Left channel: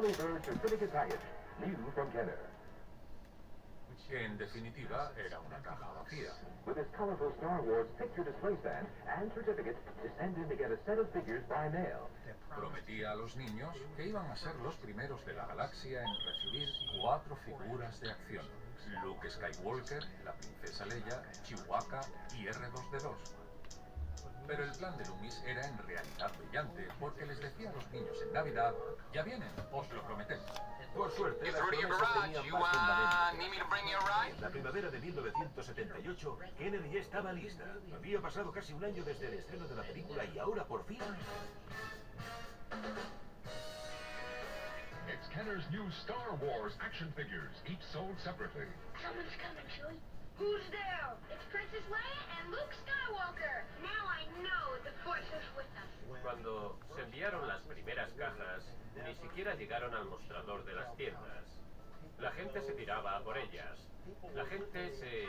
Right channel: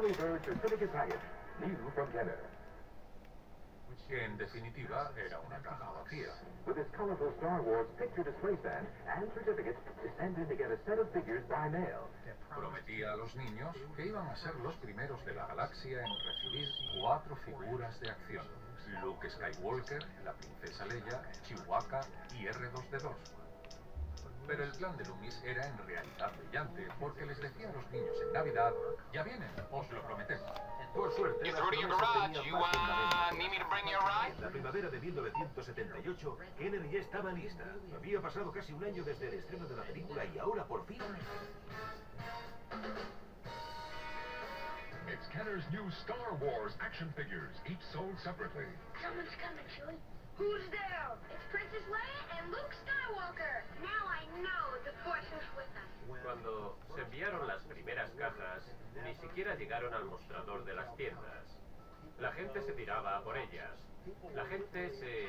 Early Bird Certificate Package, new from Kenner. En definitiva, era una caja vacía. With this colorful Star Wars picture display stand and certificates, send in to get a set of figures by mail. Prometía a los niños que iban a ser los primeros de la galaxia en recibir 4 figuras de acción: Luke Skywalker, la princesa Leia, Chewbacca y R2D2. Pero el plan de Loomis era en realidad brillante, porque les decía a los niños en Navidad: ya vienen, os lo prometemos. Por suerte, It's las Rudy in promesas garage. tenían You más fundamento. need me to bring you a ride? En la primavera de 1978, Kenner ya estaba lista. Había pasado casi un año desde el estreno de la película y ahora por fin... It's Kenner's new Star Wars action figures, each sold separately. Someone's coming, Chewie. Who's there? It's Princess Leia and Luke Skywalker. Now I know the Force is with us. Cuando se enviaron las primeras cajas, ni siquiera llegaron al mostrador de las tiendas. La gente se tiraba a por ellas. La gente se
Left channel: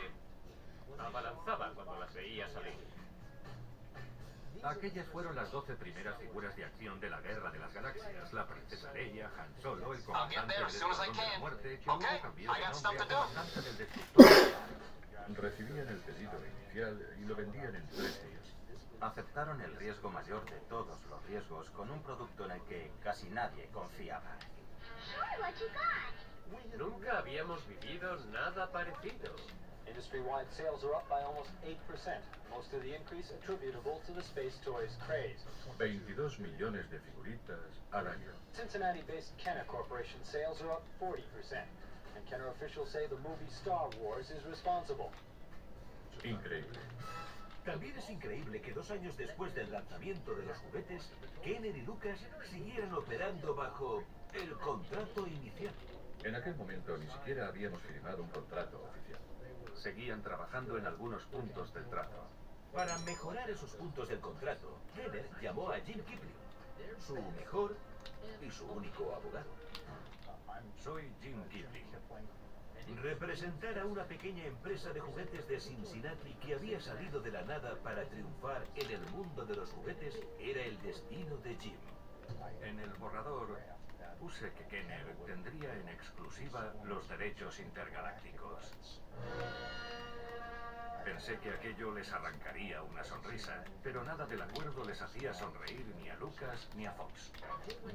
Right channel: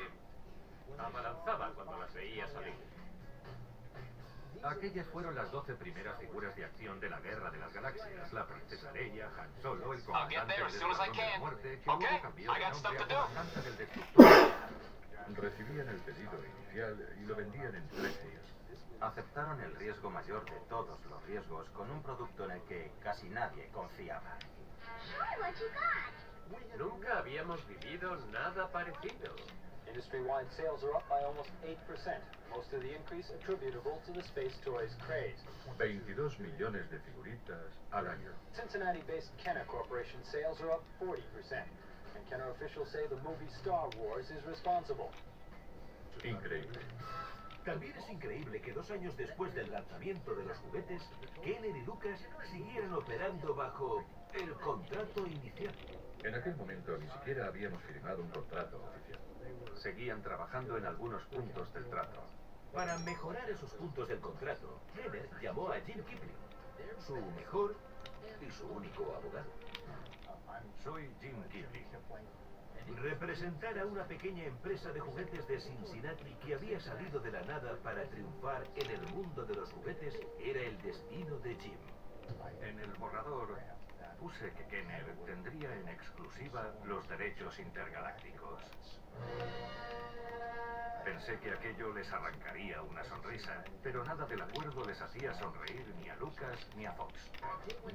abalanzaba cuando las veía salir. Aquellas fueron las 12 primeras figuras de acción de la Guerra de las Galaxias. La princesa Leia, Han Solo, el comandante del Escuadrón de la Muerte, que luego cambió de nombre a comandante del Destructor. Recibían el pedido inicial y lo vendían en 3 días. Aceptaron el riesgo mayor de todos los riesgos con un producto en el que casi nadie confiaba. Sure, what you got? Nunca habíamos vivido nada parecido. Industry-wide sales are up by almost 8%, most of the increase attributable to the Space Toys craze. 22 millones de figuritas al año. Cincinnati-based Kenner Corporation sales are up 40%, and Kenner officials say the movie Star Wars is responsible. Increíble. También es increíble que 2 años después del lanzamiento de los juguetes, Kenner y Lucas siguieran operando bajo el contrato inicial. En aquel momento ni siquiera habíamos firmado un contrato oficial. Seguían trabajando en algunos puntos del trato. Para mejorar esos puntos del contrato, Kenner llamó a Jim Kipling, su mejor y su único abogado. Soy Jim Kipling. Representar a una pequeña empresa de juguetes de Cincinnati que había salido de la nada para triunfar en el mundo de los juguetes era el destino de Jim. En el borrador puse que Kenner tendría en exclusiva los derechos intergalácticos. Pensé que aquello les arrancaría una sonrisa, pero nada del acuerdo les hacía sonreír ni a Lucas ni a Fox.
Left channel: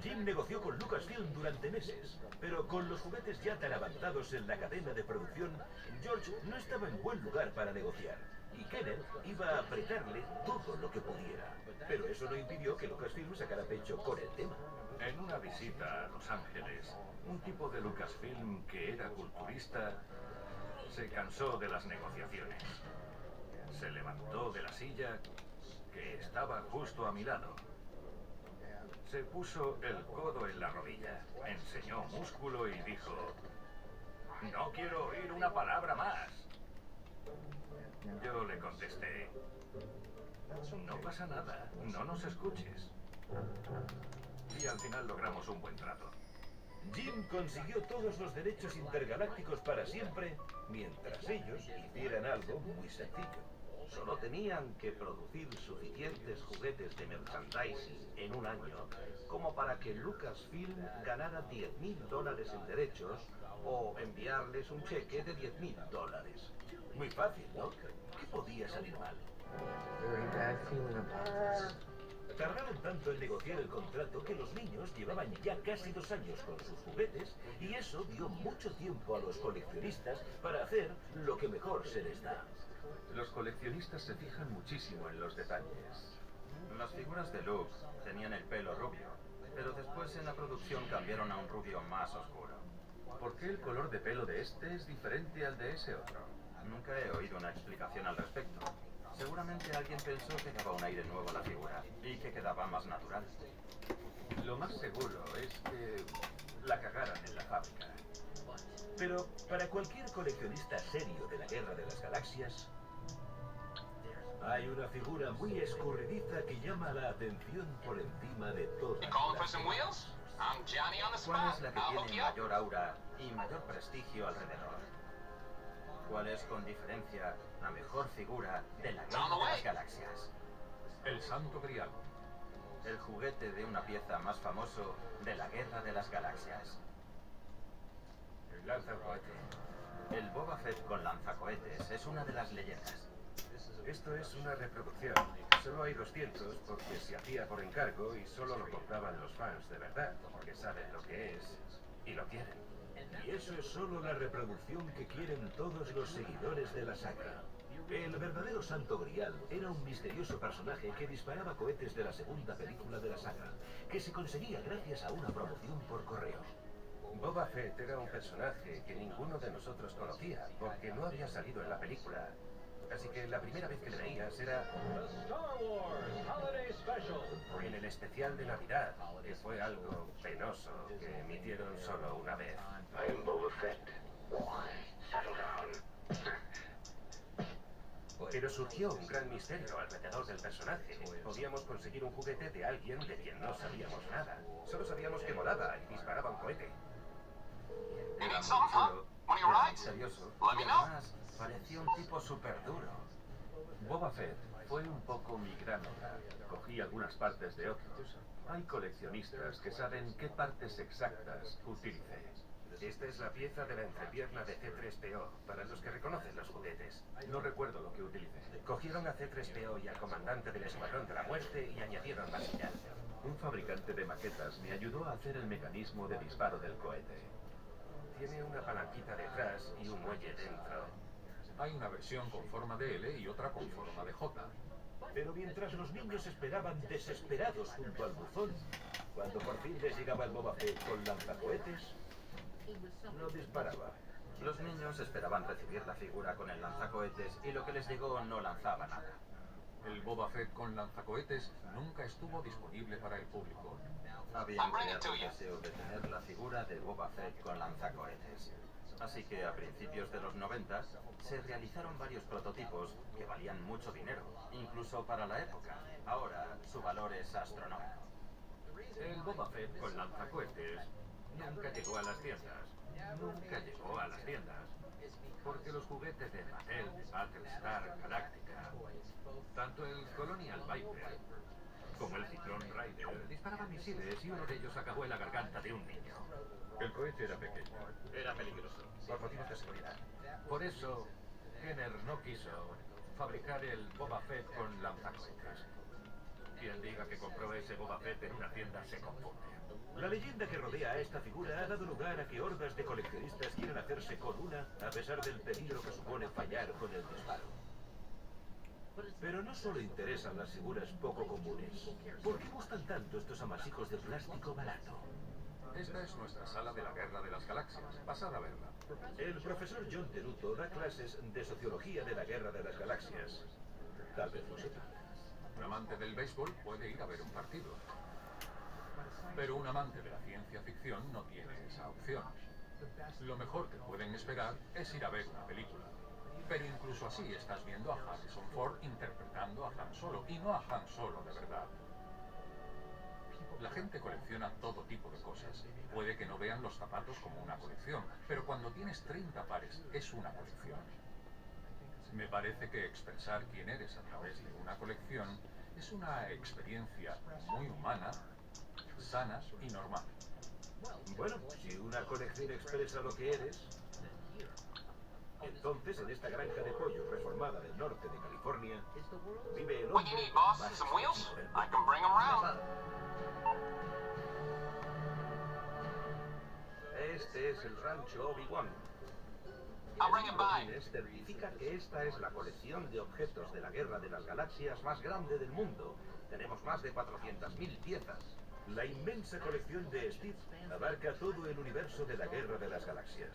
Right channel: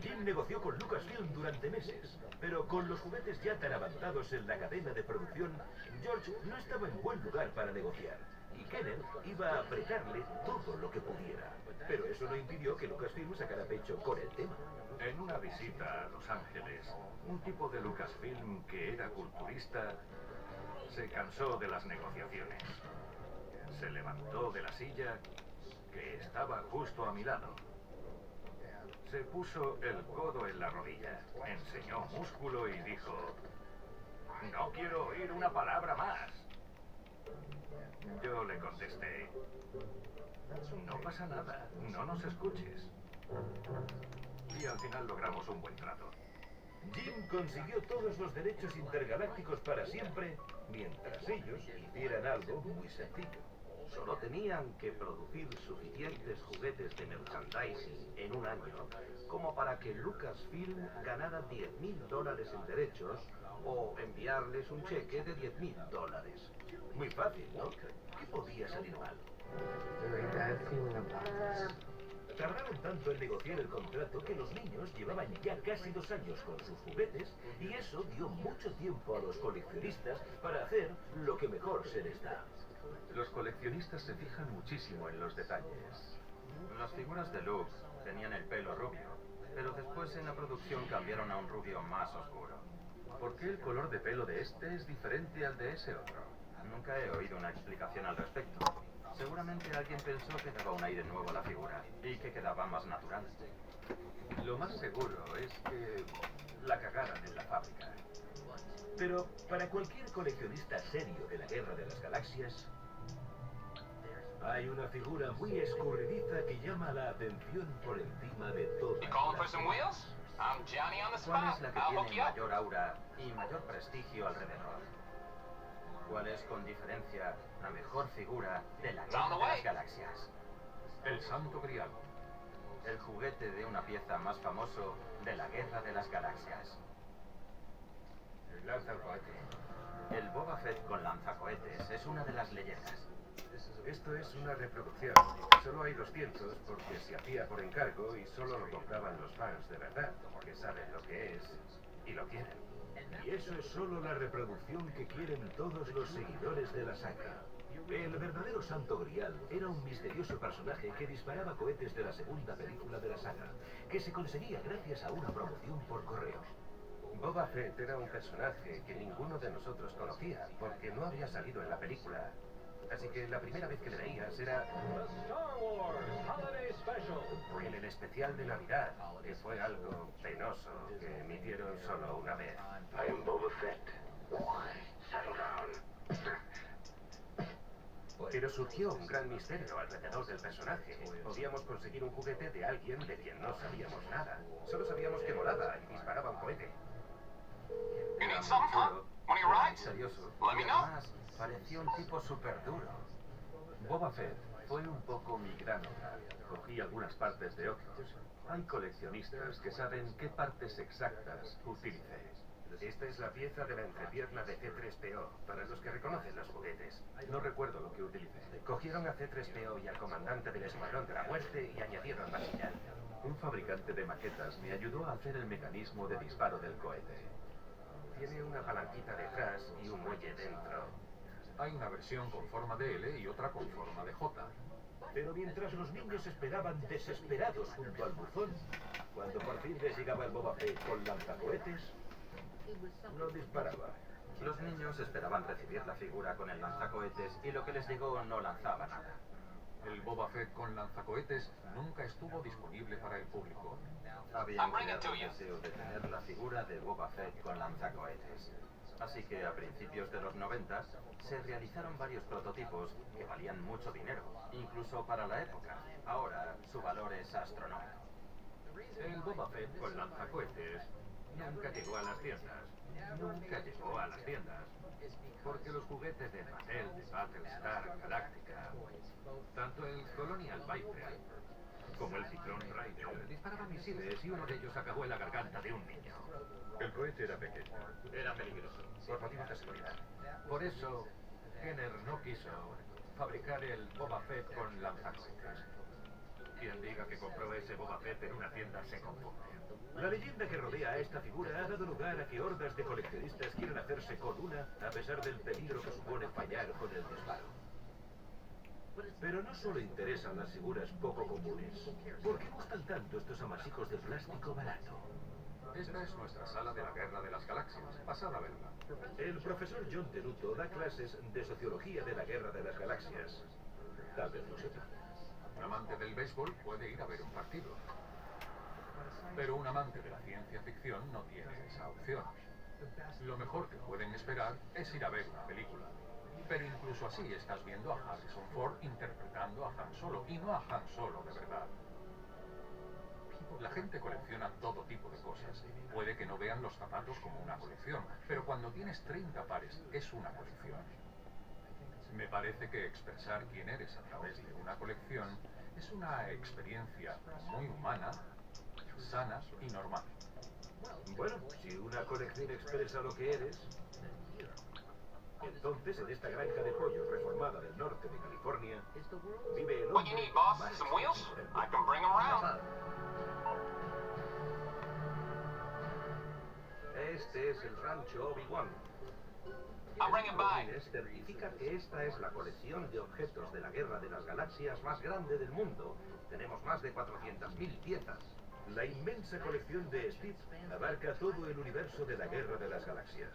Jim negoció con Lucasfilm durante meses, pero con los juguetes ya tan avanzados en la cadena de producción, George no estaba en buen lugar para negociar, y Kenner iba a apretarle todo lo que pudiera. Pero eso no impidió que Lucasfilm sacara pecho con el tema. En una visita a Los Ángeles, un tipo de Lucasfilm que era culturista se cansó de las negociaciones. Se levantó de la silla que estaba justo a mi lado. Se puso el codo en la rodilla, enseñó músculo y dijo: "No quiero oír una palabra más". Yo le contesté: "No pasa nada, no nos escuches". Y al final logramos un buen trato. Jim consiguió todos los derechos intergalácticos para siempre, mientras ellos hicieran algo muy sencillo. Solo tenían que producir suficientes juguetes de merchandising en un año como para que Lucasfilm ganara $10,000 en derechos o enviarles un cheque de $10,000. Muy fácil, ¿no? ¿Qué podía salir mal? Tardaron tanto en negociar el contrato que los niños llevaban ya casi 2 años con sus juguetes y eso dio mucho tiempo a los coleccionistas para hacer lo que mejor se les da. Los coleccionistas se fijan muchísimo en los detalles. Las figuras de Luke tenían el pelo rubio, pero después en la producción cambiaron a un rubio más oscuro. ¿Por qué el color de pelo de este es diferente al de ese otro? Nunca he oído una explicación al respecto. Seguramente alguien pensó que daba un aire nuevo a la figura y que quedaba más natural. Lo más seguro es que la cagaran en la fábrica. Pero para cualquier coleccionista serio de la Guerra de las Galaxias, hay una figura muy escurridiza que llama la atención por encima de todo. You calling for some wheels? I'm Johnny on the ¿Cuál spot. es la que I'll hook tiene you up. mayor aura y mayor prestigio alrededor? ¿Cuál es con diferencia la mejor figura de la On Guerra the de way. las Galaxias? El Santo Grial. el juguete de una pieza más famoso de la Guerra de las Galaxias. El lanzacohete. El Boba Fett con lanzacohetes es una de las leyendas. Esto es una reproducción. Solo hay 200 porque se hacía por encargo y solo lo compraban los fans de verdad, que saben lo que es y lo quieren. Y eso es solo la reproducción que quieren todos los seguidores de la saga. El verdadero Santo Grial era un misterioso personaje que disparaba cohetes de la segunda película de la saga, que se conseguía gracias a una promoción por correo. Boba Fett era un personaje que ninguno de nosotros conocía, porque no había salido en la película. Así que la primera vez que le veías era Star Wars Holiday Special. en el especial de Navidad, que fue algo penoso, que emitieron solo una vez. I am Boba Fett. Why? Settle down. Pero surgió un gran misterio alrededor del personaje. Podíamos conseguir un juguete de alguien de quien no sabíamos nada. Solo sabíamos que volaba y disparaba un cohete. You need some, huh? One of your rides? Misterioso. Let me Y know. además, parecía un tipo súper duro. Boba Fett fue un poco mi granja. Cogí algunas partes de otros. Hay coleccionistas que saben qué partes exactas utilicé. Esta es la pieza de la entrepierna de C-3PO, para los que reconocen los juguetes. No recuerdo lo que utilicé. Cogieron a C-3PO y al comandante del Escuadrón de la Muerte y añadieron vasilla. Un fabricante de maquetas me ayudó a hacer el mecanismo de disparo del cohete. Tiene una palanquita detrás y un muelle dentro. Hay una versión con forma de L y otra con forma de J. Pero mientras los niños esperaban desesperados junto al buzón, cuando por fin les llegaba el Boba Fett con lanzacohetes, no disparaba. Los niños esperaban recibir la figura con el lanzacohetes y lo que les llegó no lanzaba nada. El Boba Fett con lanzacohetes nunca estuvo disponible para el público. Habían creado el deseo de tener la figura de Boba Fett con lanzacohetes. Así que a principios de los 90 se realizaron varios prototipos que valían mucho dinero, incluso para la época. Ahora su valor es astronómico. El Boba Fett con lanzacohetes nunca llegó a las tiendas. Nunca llegó a las tiendas. Porque los juguetes de Mattel, de Battlestar Galactica, tanto el Colonial Viper como el Ciclón Rider disparaban misiles y uno de ellos acabó en la garganta de un niño. El cohete era pequeño. Era peligroso. Por motivos de seguridad. Por eso, Kenner no quiso fabricar el Boba Fett con lanzacohetes. Quien diga que compró ese Boba Fett en una tienda se confunde. La leyenda que rodea a esta figura ha dado lugar a que hordas de coleccionistas quieran hacerse con una a pesar del peligro que supone fallar con el disparo. Pero no solo interesan las figuras poco comunes. ¿Por qué gustan tanto estos amasijos de plástico barato? Esta es nuestra sala de la Guerra de las Galaxias. Pasad a verla. El profesor John Teruto da clases de sociología de la Guerra de las Galaxias. Tal vez lo sepa. Un amante del béisbol puede ir a ver un partido. Pero un amante de la ciencia ficción no tiene esa opción. Lo mejor que pueden esperar es ir a ver una película. Pero incluso así estás viendo a Harrison Ford interpretando a Han Solo, y no a Han Solo de verdad. La gente colecciona todo tipo de cosas. Puede que no vean los zapatos como una colección, pero cuando tienes 30 pares es una colección. Me parece que expresar quién eres a través de una colección es una experiencia muy humana, sana y normal. Bueno, si una colección expresa lo que eres, entonces en esta granja de pollos reformada del norte de California vive el What you hombre need, boss? más Some wheels? sorprendente. I can bring them around. Este es el rancho Obi-Wan. I'll bring it by. Guinness certifica que esta es la colección de objetos de la Guerra de las Galaxias más grande del mundo. Tenemos más de 400.000 piezas. La inmensa colección de Steve abarca todo el universo de la Guerra de las Galaxias.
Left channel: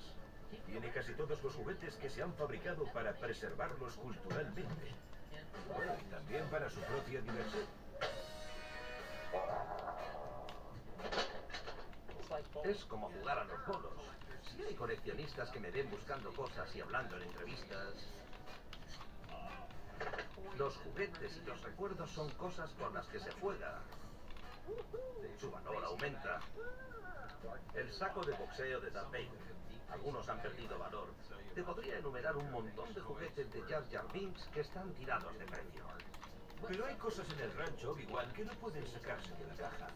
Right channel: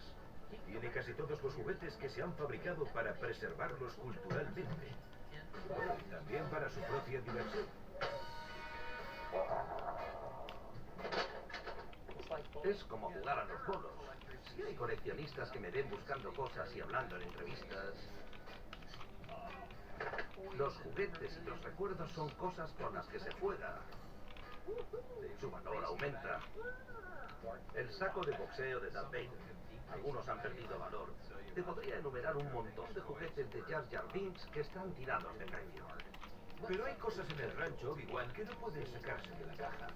Tiene casi todos los juguetes que se han fabricado para preservarlos culturalmente. Bueno, y también para su propia diversión. Es como jugar a los bolos. Si hay coleccionistas que me ven buscando cosas y hablando en entrevistas, los juguetes y los recuerdos son cosas con las que se juega. Su valor aumenta. El saco de boxeo de Darth Vader. Algunos han perdido valor. Te podría enumerar un montón de juguetes de Jar Jar Binks que están tirados de precio. Pero hay cosas en el rancho Obi-Wan que no pueden sacarse de la caja.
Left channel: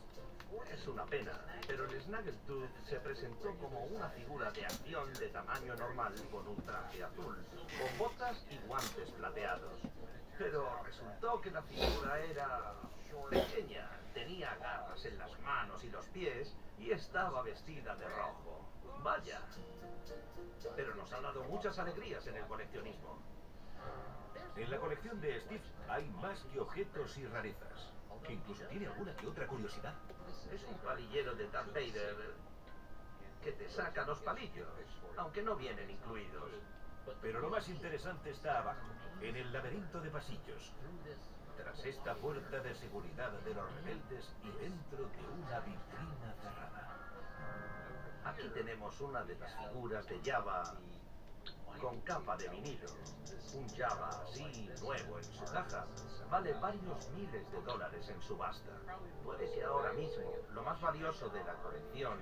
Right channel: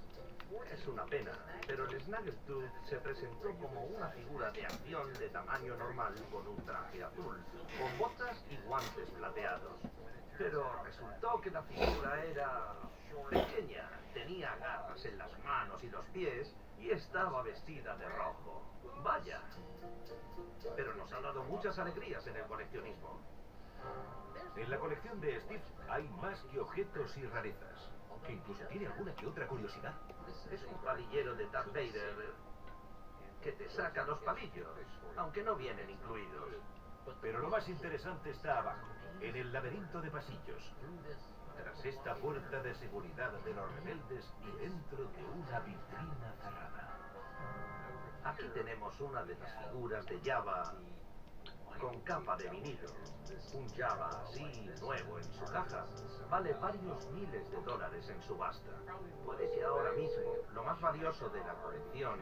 Es una pena, pero el Snaggletooth se presentó como una figura de acción de tamaño normal con un traje azul, con botas y guantes plateados. Pero resultó que la figura era pequeña, tenía garras en las manos y los pies y estaba vestida de rojo. Vaya. Pero nos ha dado muchas alegrías en el coleccionismo. En la colección de Steve hay más que objetos y rarezas, que incluso tiene alguna que otra curiosidad. Es un palillero de Darth Vader que te saca los palillos, aunque no vienen incluidos. Pero lo más interesante está abajo, en el laberinto de pasillos, tras esta puerta de seguridad de los rebeldes y dentro de una vitrina cerrada. Aquí tenemos una de las figuras de Jabba con capa de vinilo. Un Jabba así, nuevo en su caja, vale varios miles de dólares en subasta. Puede que ahora mismo lo más valioso de la colección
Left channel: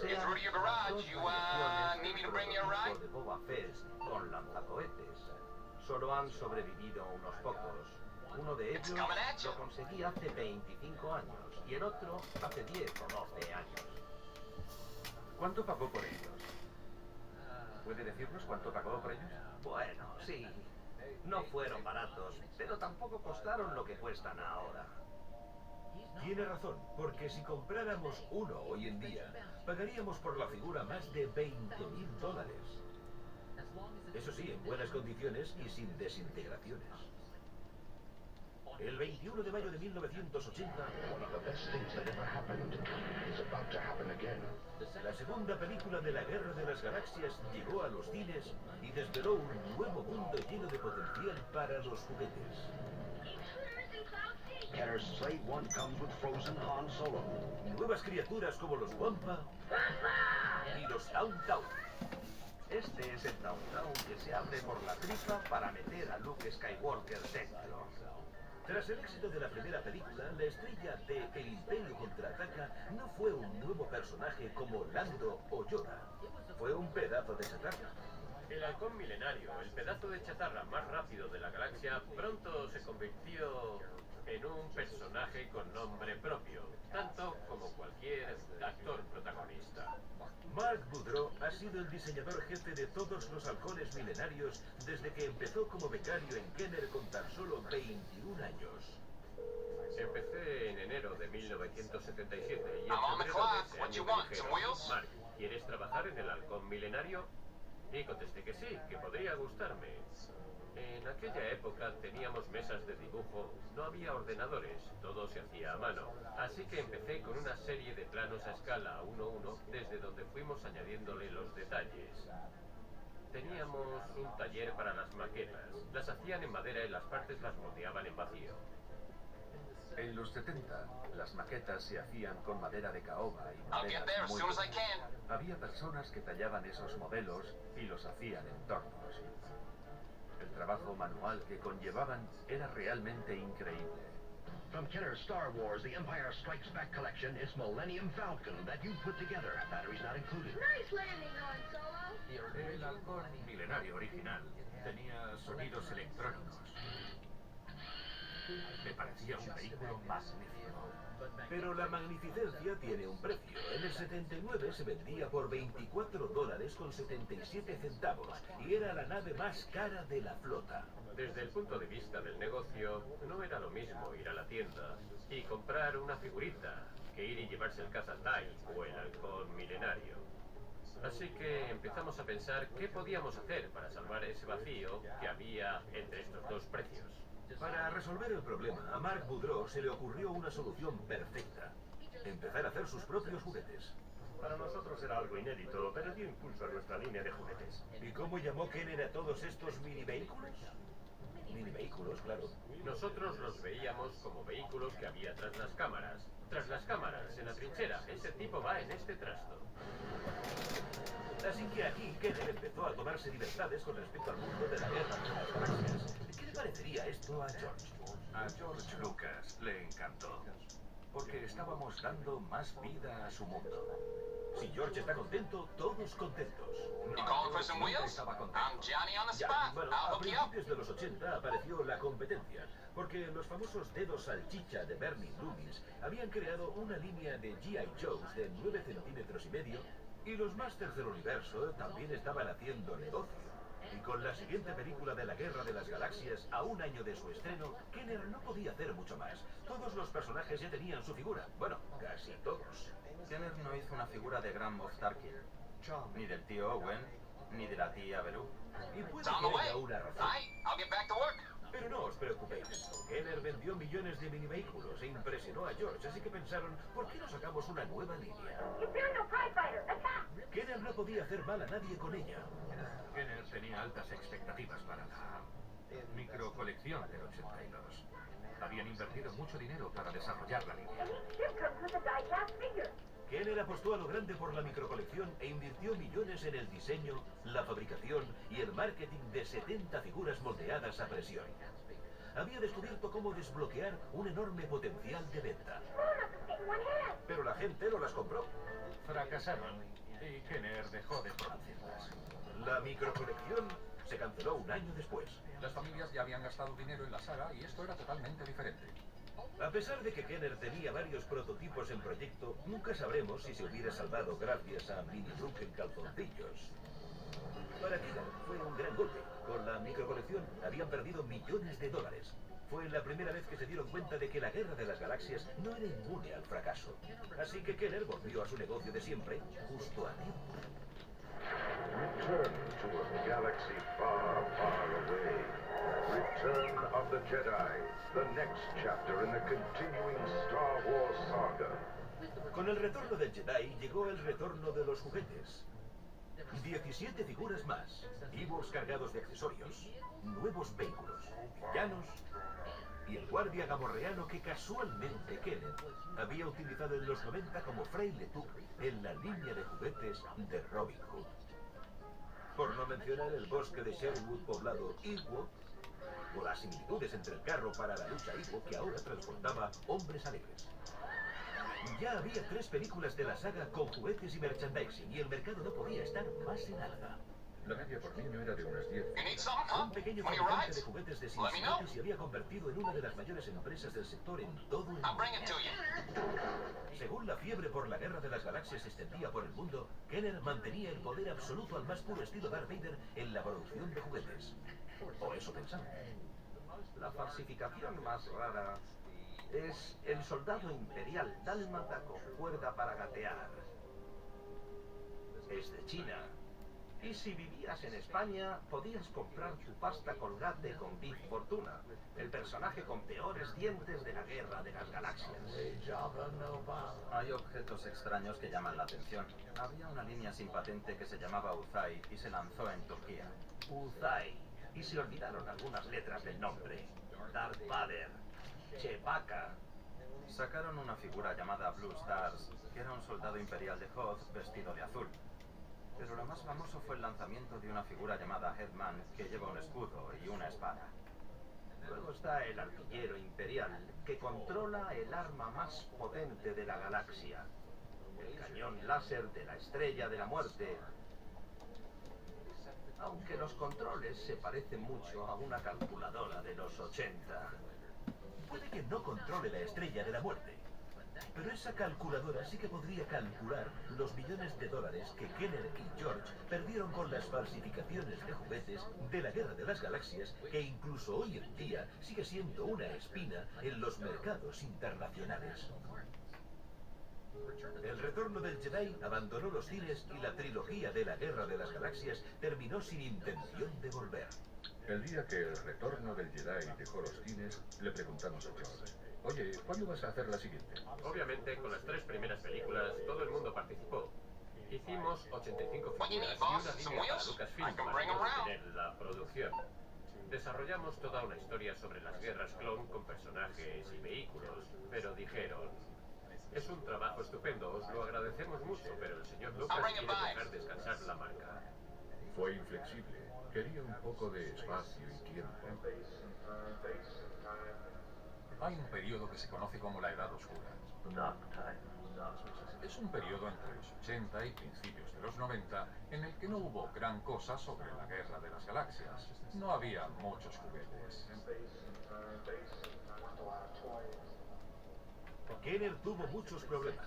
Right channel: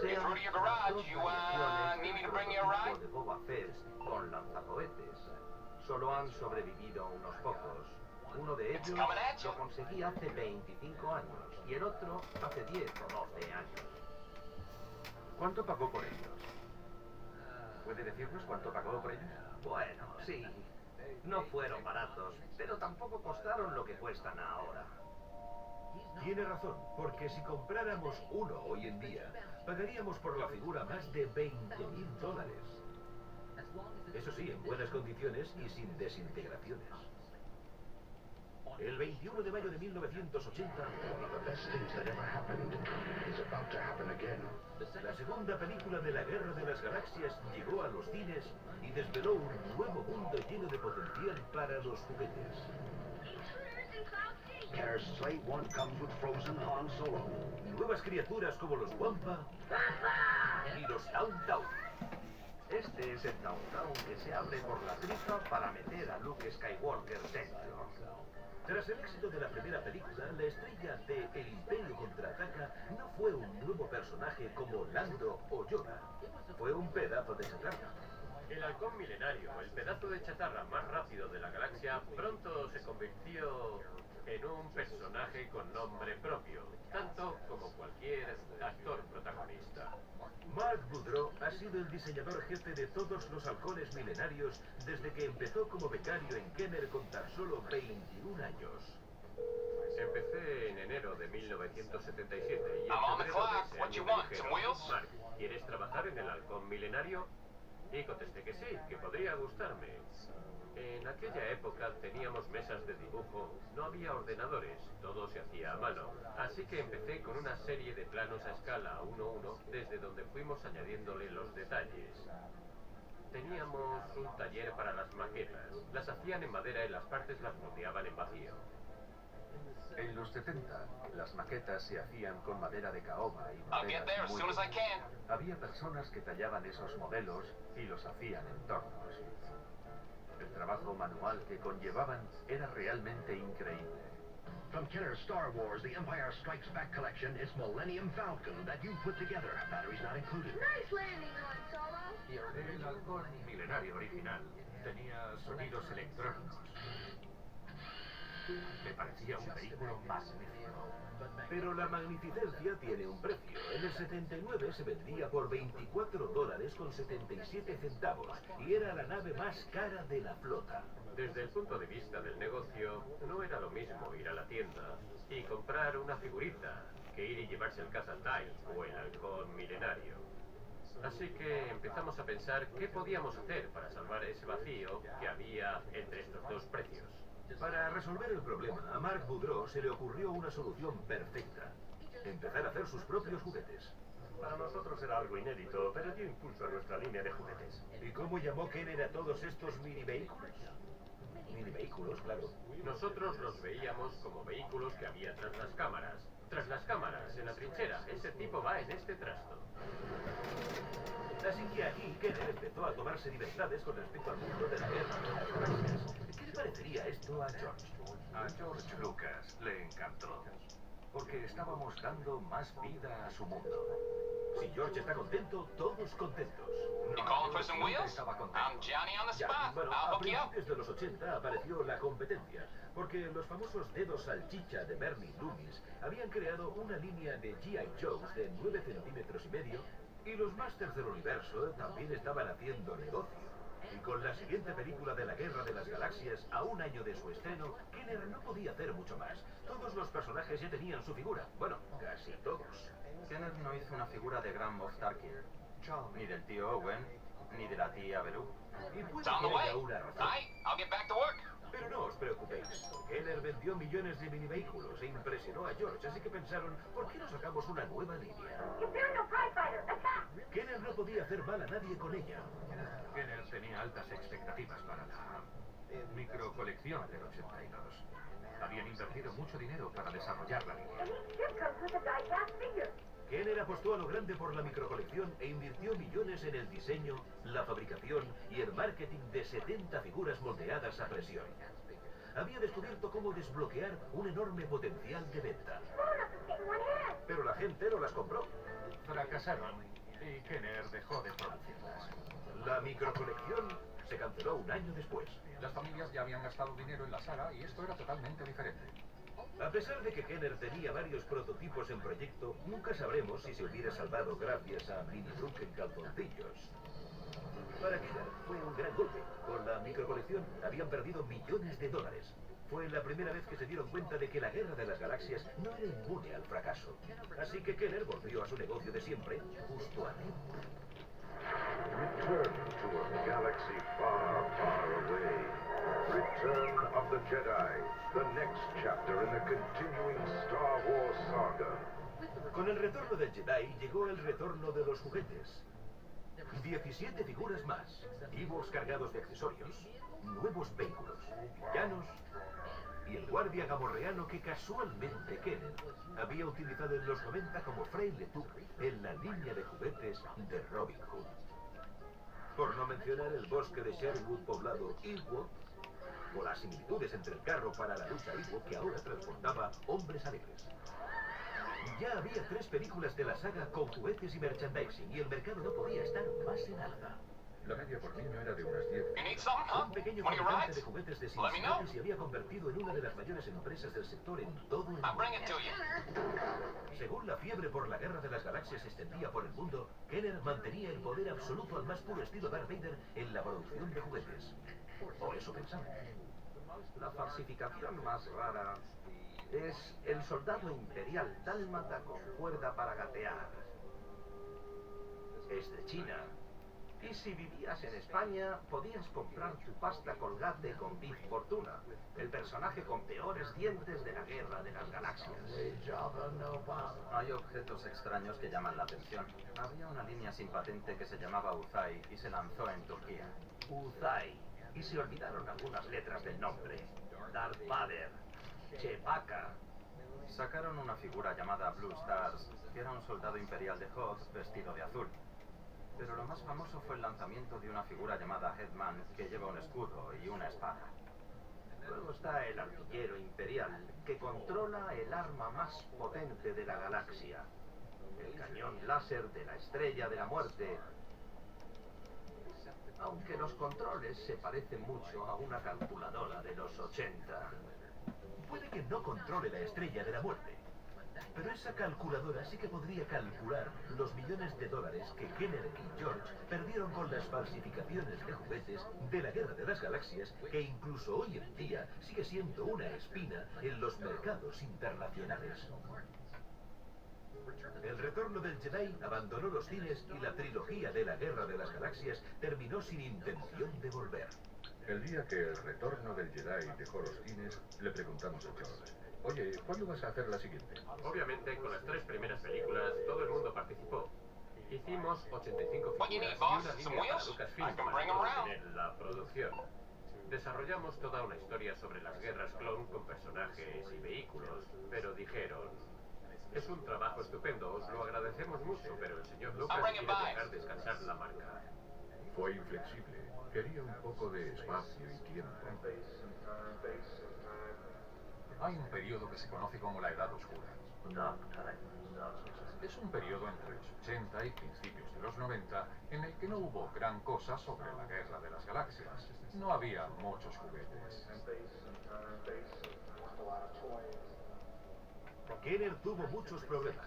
sea las dos variaciones del prototipo de Boba Fett con lanzacohetes. Solo han sobrevivido unos pocos. Uno de ellos lo conseguí hace 25 años y el otro hace 10 o 12 años. ¿Cuánto pagó por ellos? ¿Puede decirnos cuánto pagó por ellos? Bueno, sí. No fueron baratos, pero tampoco costaron lo que cuestan ahora. Tiene razón, porque si compráramos uno hoy en día, pagaríamos por la figura más de $20.000. Eso sí, en buenas condiciones y sin desintegraciones. El 21 de mayo de 1980, la segunda película de la Guerra de las Galaxias llegó a los cines y desveló un nuevo mundo lleno de potencial para los juguetes. Kenner's Slave One comes with frozen Han Solo. Nuevas criaturas como los Wampa y los Tauntaun. Este es el Tauntaun que se abre por la tripa para meter a Luke Skywalker dentro. Tras el éxito de la primera película, la estrella de El Imperio Contraataca no fue un nuevo personaje como Lando o Yoda. Fue un pedazo de chatarra. El halcón milenario, el pedazo de chatarra más rápido de la galaxia, pronto se convirtió en un personaje con nombre propio, tanto como cualquier actor protagonista. Mark Boudreau ha sido el diseñador jefe de todos los halcones milenarios desde que empezó como becario en Kenner con tan solo 21 años. Empecé en enero de 1977 y en I'm on the febrero clock. de ese What año you me want, dijeron, some wheels? Mark, ¿quieres trabajar en el halcón milenario? Y contesté que sí, que podría gustarme. En aquella época teníamos mesas de dibujo, no había ordenadores, todo se hacía a mano. Así que empecé con una serie de planos a escala 1:1, desde donde fuimos añadiéndole los detalles. Teníamos un taller para las maquetas. Las hacían en madera y las partes las moldeaban en vacío. En los 70, las maquetas se hacían con madera de caoba y I'll get there maderas as muy soon as I duras. can. Había personas que tallaban esos modelos y los hacían en tornos. El trabajo manual que conllevaban era realmente increíble. From Kenner's Star Wars, The Empire Strikes Back collection, it's Millennium Falcon that you put together. Batteries not included. Nice landing, Han Solo. El halcón milenario original tenía sonidos electrónicos. Me parecía un vehículo magnífico. Pero la magnificencia tiene un precio. En el 79 se vendía por $24.77 y era la nave más cara de la flota. Desde el punto de vista del negocio, no era lo mismo ir a la tienda y comprar una figurita que ir y llevarse el Cazatai o el halcón milenario. Así que empezamos a pensar qué podíamos hacer para salvar ese vacío que había entre estos dos precios. Para resolver el problema, a Mark Boudreau se le ocurrió una solución perfecta. Empezar a hacer sus propios juguetes. Para nosotros era algo inédito, pero dio impulso a nuestra línea de juguetes. ¿Y cómo llamó Kenner a todos estos mini vehículos? Mini vehículos, claro. Nosotros los veíamos como vehículos que había tras las cámaras. Tras las cámaras, en la trinchera, ese tipo va en este trasto. Así que aquí Kenner empezó a tomarse libertades con respecto al mundo de la guerra de las galaxias. ¿Qué le parecería esto a George? A George Lucas le encantó, porque estábamos dando más vida a su mundo. Si George está contento, todos contentos. You calling for some wheels? I'm Johnny on the Ya, spot. bueno, I'll a hook you up. principios de los 80 apareció la competencia, porque los famosos dedos salchicha de Bernie Loomis habían creado una línea de G.I. Joes de 9 centímetros y medio, y los Masters del Universo también estaban haciendo negocio. Y con la siguiente película de la Guerra de las Galaxias, a un año de su estreno, Kenner no podía hacer mucho más. Todos los personajes ya tenían su figura. Bueno, casi todos. Kenner no hizo una figura de Grand Moff Tarkin, ni del tío Owen, ni de la tía Beru. Y puede It's on the que way. haya una razón. Aight, I'll get back to work. Pero no os preocupéis. Kenner vendió millones de minivehículos e impresionó a George, así que pensaron, ¿por qué no sacamos una nueva línea? Imperial Pride Fighter, attack! Kenner no podía hacer mal a nadie con ella. Kenner tenía altas expectativas para la microcolección del 82. Habían invertido mucho dinero para desarrollar la línea. And each ship comes with a die-cast figure. Kenner apostó a lo grande por la microcolección e invirtió millones en el diseño, la fabricación y el marketing de 70 figuras moldeadas a presión. Había descubierto cómo desbloquear un enorme potencial de venta. Small enough to fit in one hand. Pero la gente no las compró. Fracasaron y Kenner dejó de producirlas. La microcolección se canceló un año después. Las familias ya habían gastado dinero en la saga y esto era totalmente diferente. A pesar de que Kenner tenía varios prototipos en proyecto, nunca sabremos si se hubiera salvado gracias a Mini Luke en calzoncillos. Para Kenner fue un gran golpe. Con la microcolección habían perdido millones de dólares. Fue la primera vez que se dieron cuenta de que la Guerra de las Galaxias no era inmune al fracaso. Así que Kenner volvió a su negocio de siempre, justo a tiempo. Return to a galaxy far, far away. Return of the Jedi, the next chapter in the continuing Star Wars saga. Con el retorno del Jedi llegó el retorno de los juguetes. 17 figuras más, Ewoks cargados de accesorios, nuevos vehículos, villanos y el guardia gamorreano que casualmente Kenner había utilizado en los 90 como fraile Tuck en la línea de juguetes de Robin Hood. Por no mencionar el bosque de Sherwood poblado Ewok, o las similitudes entre el carro para la lucha Ewok que ahora transportaba hombres alegres. Ya había 3 películas de la saga con juguetes y merchandising y el mercado no podía estar más en alza. La media por niño era de unas 10. You need something, huh? Un pequeño One of your fabricante rides? de juguetes de Let me know. Cincinnati se había convertido en una de las mayores empresas del sector en todo el I'll mundo. bring it to you. Según la fiebre por la Guerra de las Galaxias se extendía por el mundo, Kenner mantenía el poder absoluto al más puro estilo Darth Vader en la producción de juguetes. O eso pensaba. La falsificación más rara es el soldado imperial dálmata con cuerda para gatear. Es de China. Y si vivías en España, podías comprar tu pasta colgate con Big Fortuna, el personaje con peores dientes de la Guerra de las Galaxias. Hay objetos extraños que llaman la atención. Había una línea sin patente que se llamaba Uzay y se lanzó en Turquía. Uzay. Y se olvidaron algunas letras del nombre. Darth Vader. Chewbacca. Sacaron una figura llamada Blue Stars, que era un soldado imperial de Hoth vestido de azul. Pero lo más famoso fue el lanzamiento de una figura llamada Headman que lleva un escudo y una espada. Luego está el artillero imperial, que controla el arma más potente de la galaxia. El cañón láser de la Estrella de la Muerte. Aunque los controles se parecen mucho a una calculadora de los 80. Puede que no controle la Estrella de la Muerte, pero esa calculadora sí que podría calcular los millones de dólares que Kenner y George perdieron con las falsificaciones de juguetes de la Guerra de las Galaxias, que incluso hoy en día sigue siendo una espina en los mercados internacionales. El retorno del Jedi abandonó los cines y la trilogía de la Guerra de las Galaxias terminó sin intención de volver. El día que el retorno del Jedi dejó los cines, le preguntamos a George: oye, ¿cuándo vas a hacer la siguiente? Obviamente, con las 3 primeras películas, todo el mundo participó. Hicimos 85 What you figuras need, y boss? una Some línea para wheels? Lucasfilm I can para bring 'em round. mantener la producción. Desarrollamos toda una historia sobre las guerras clon con personajes y vehículos, pero dijeron: es un trabajo estupendo, os lo agradecemos mucho, pero el señor Lucas I'll bring quiere it back. dejar descansar la marca. Fue inflexible. Quería un poco de espacio y tiempo. Hay un periodo que se conoce como la Edad Oscura. Es un periodo entre los 80 y principios de los 90 en el que no hubo gran cosa sobre la Guerra de las Galaxias. No había muchos juguetes. Kenner tuvo muchos problemas.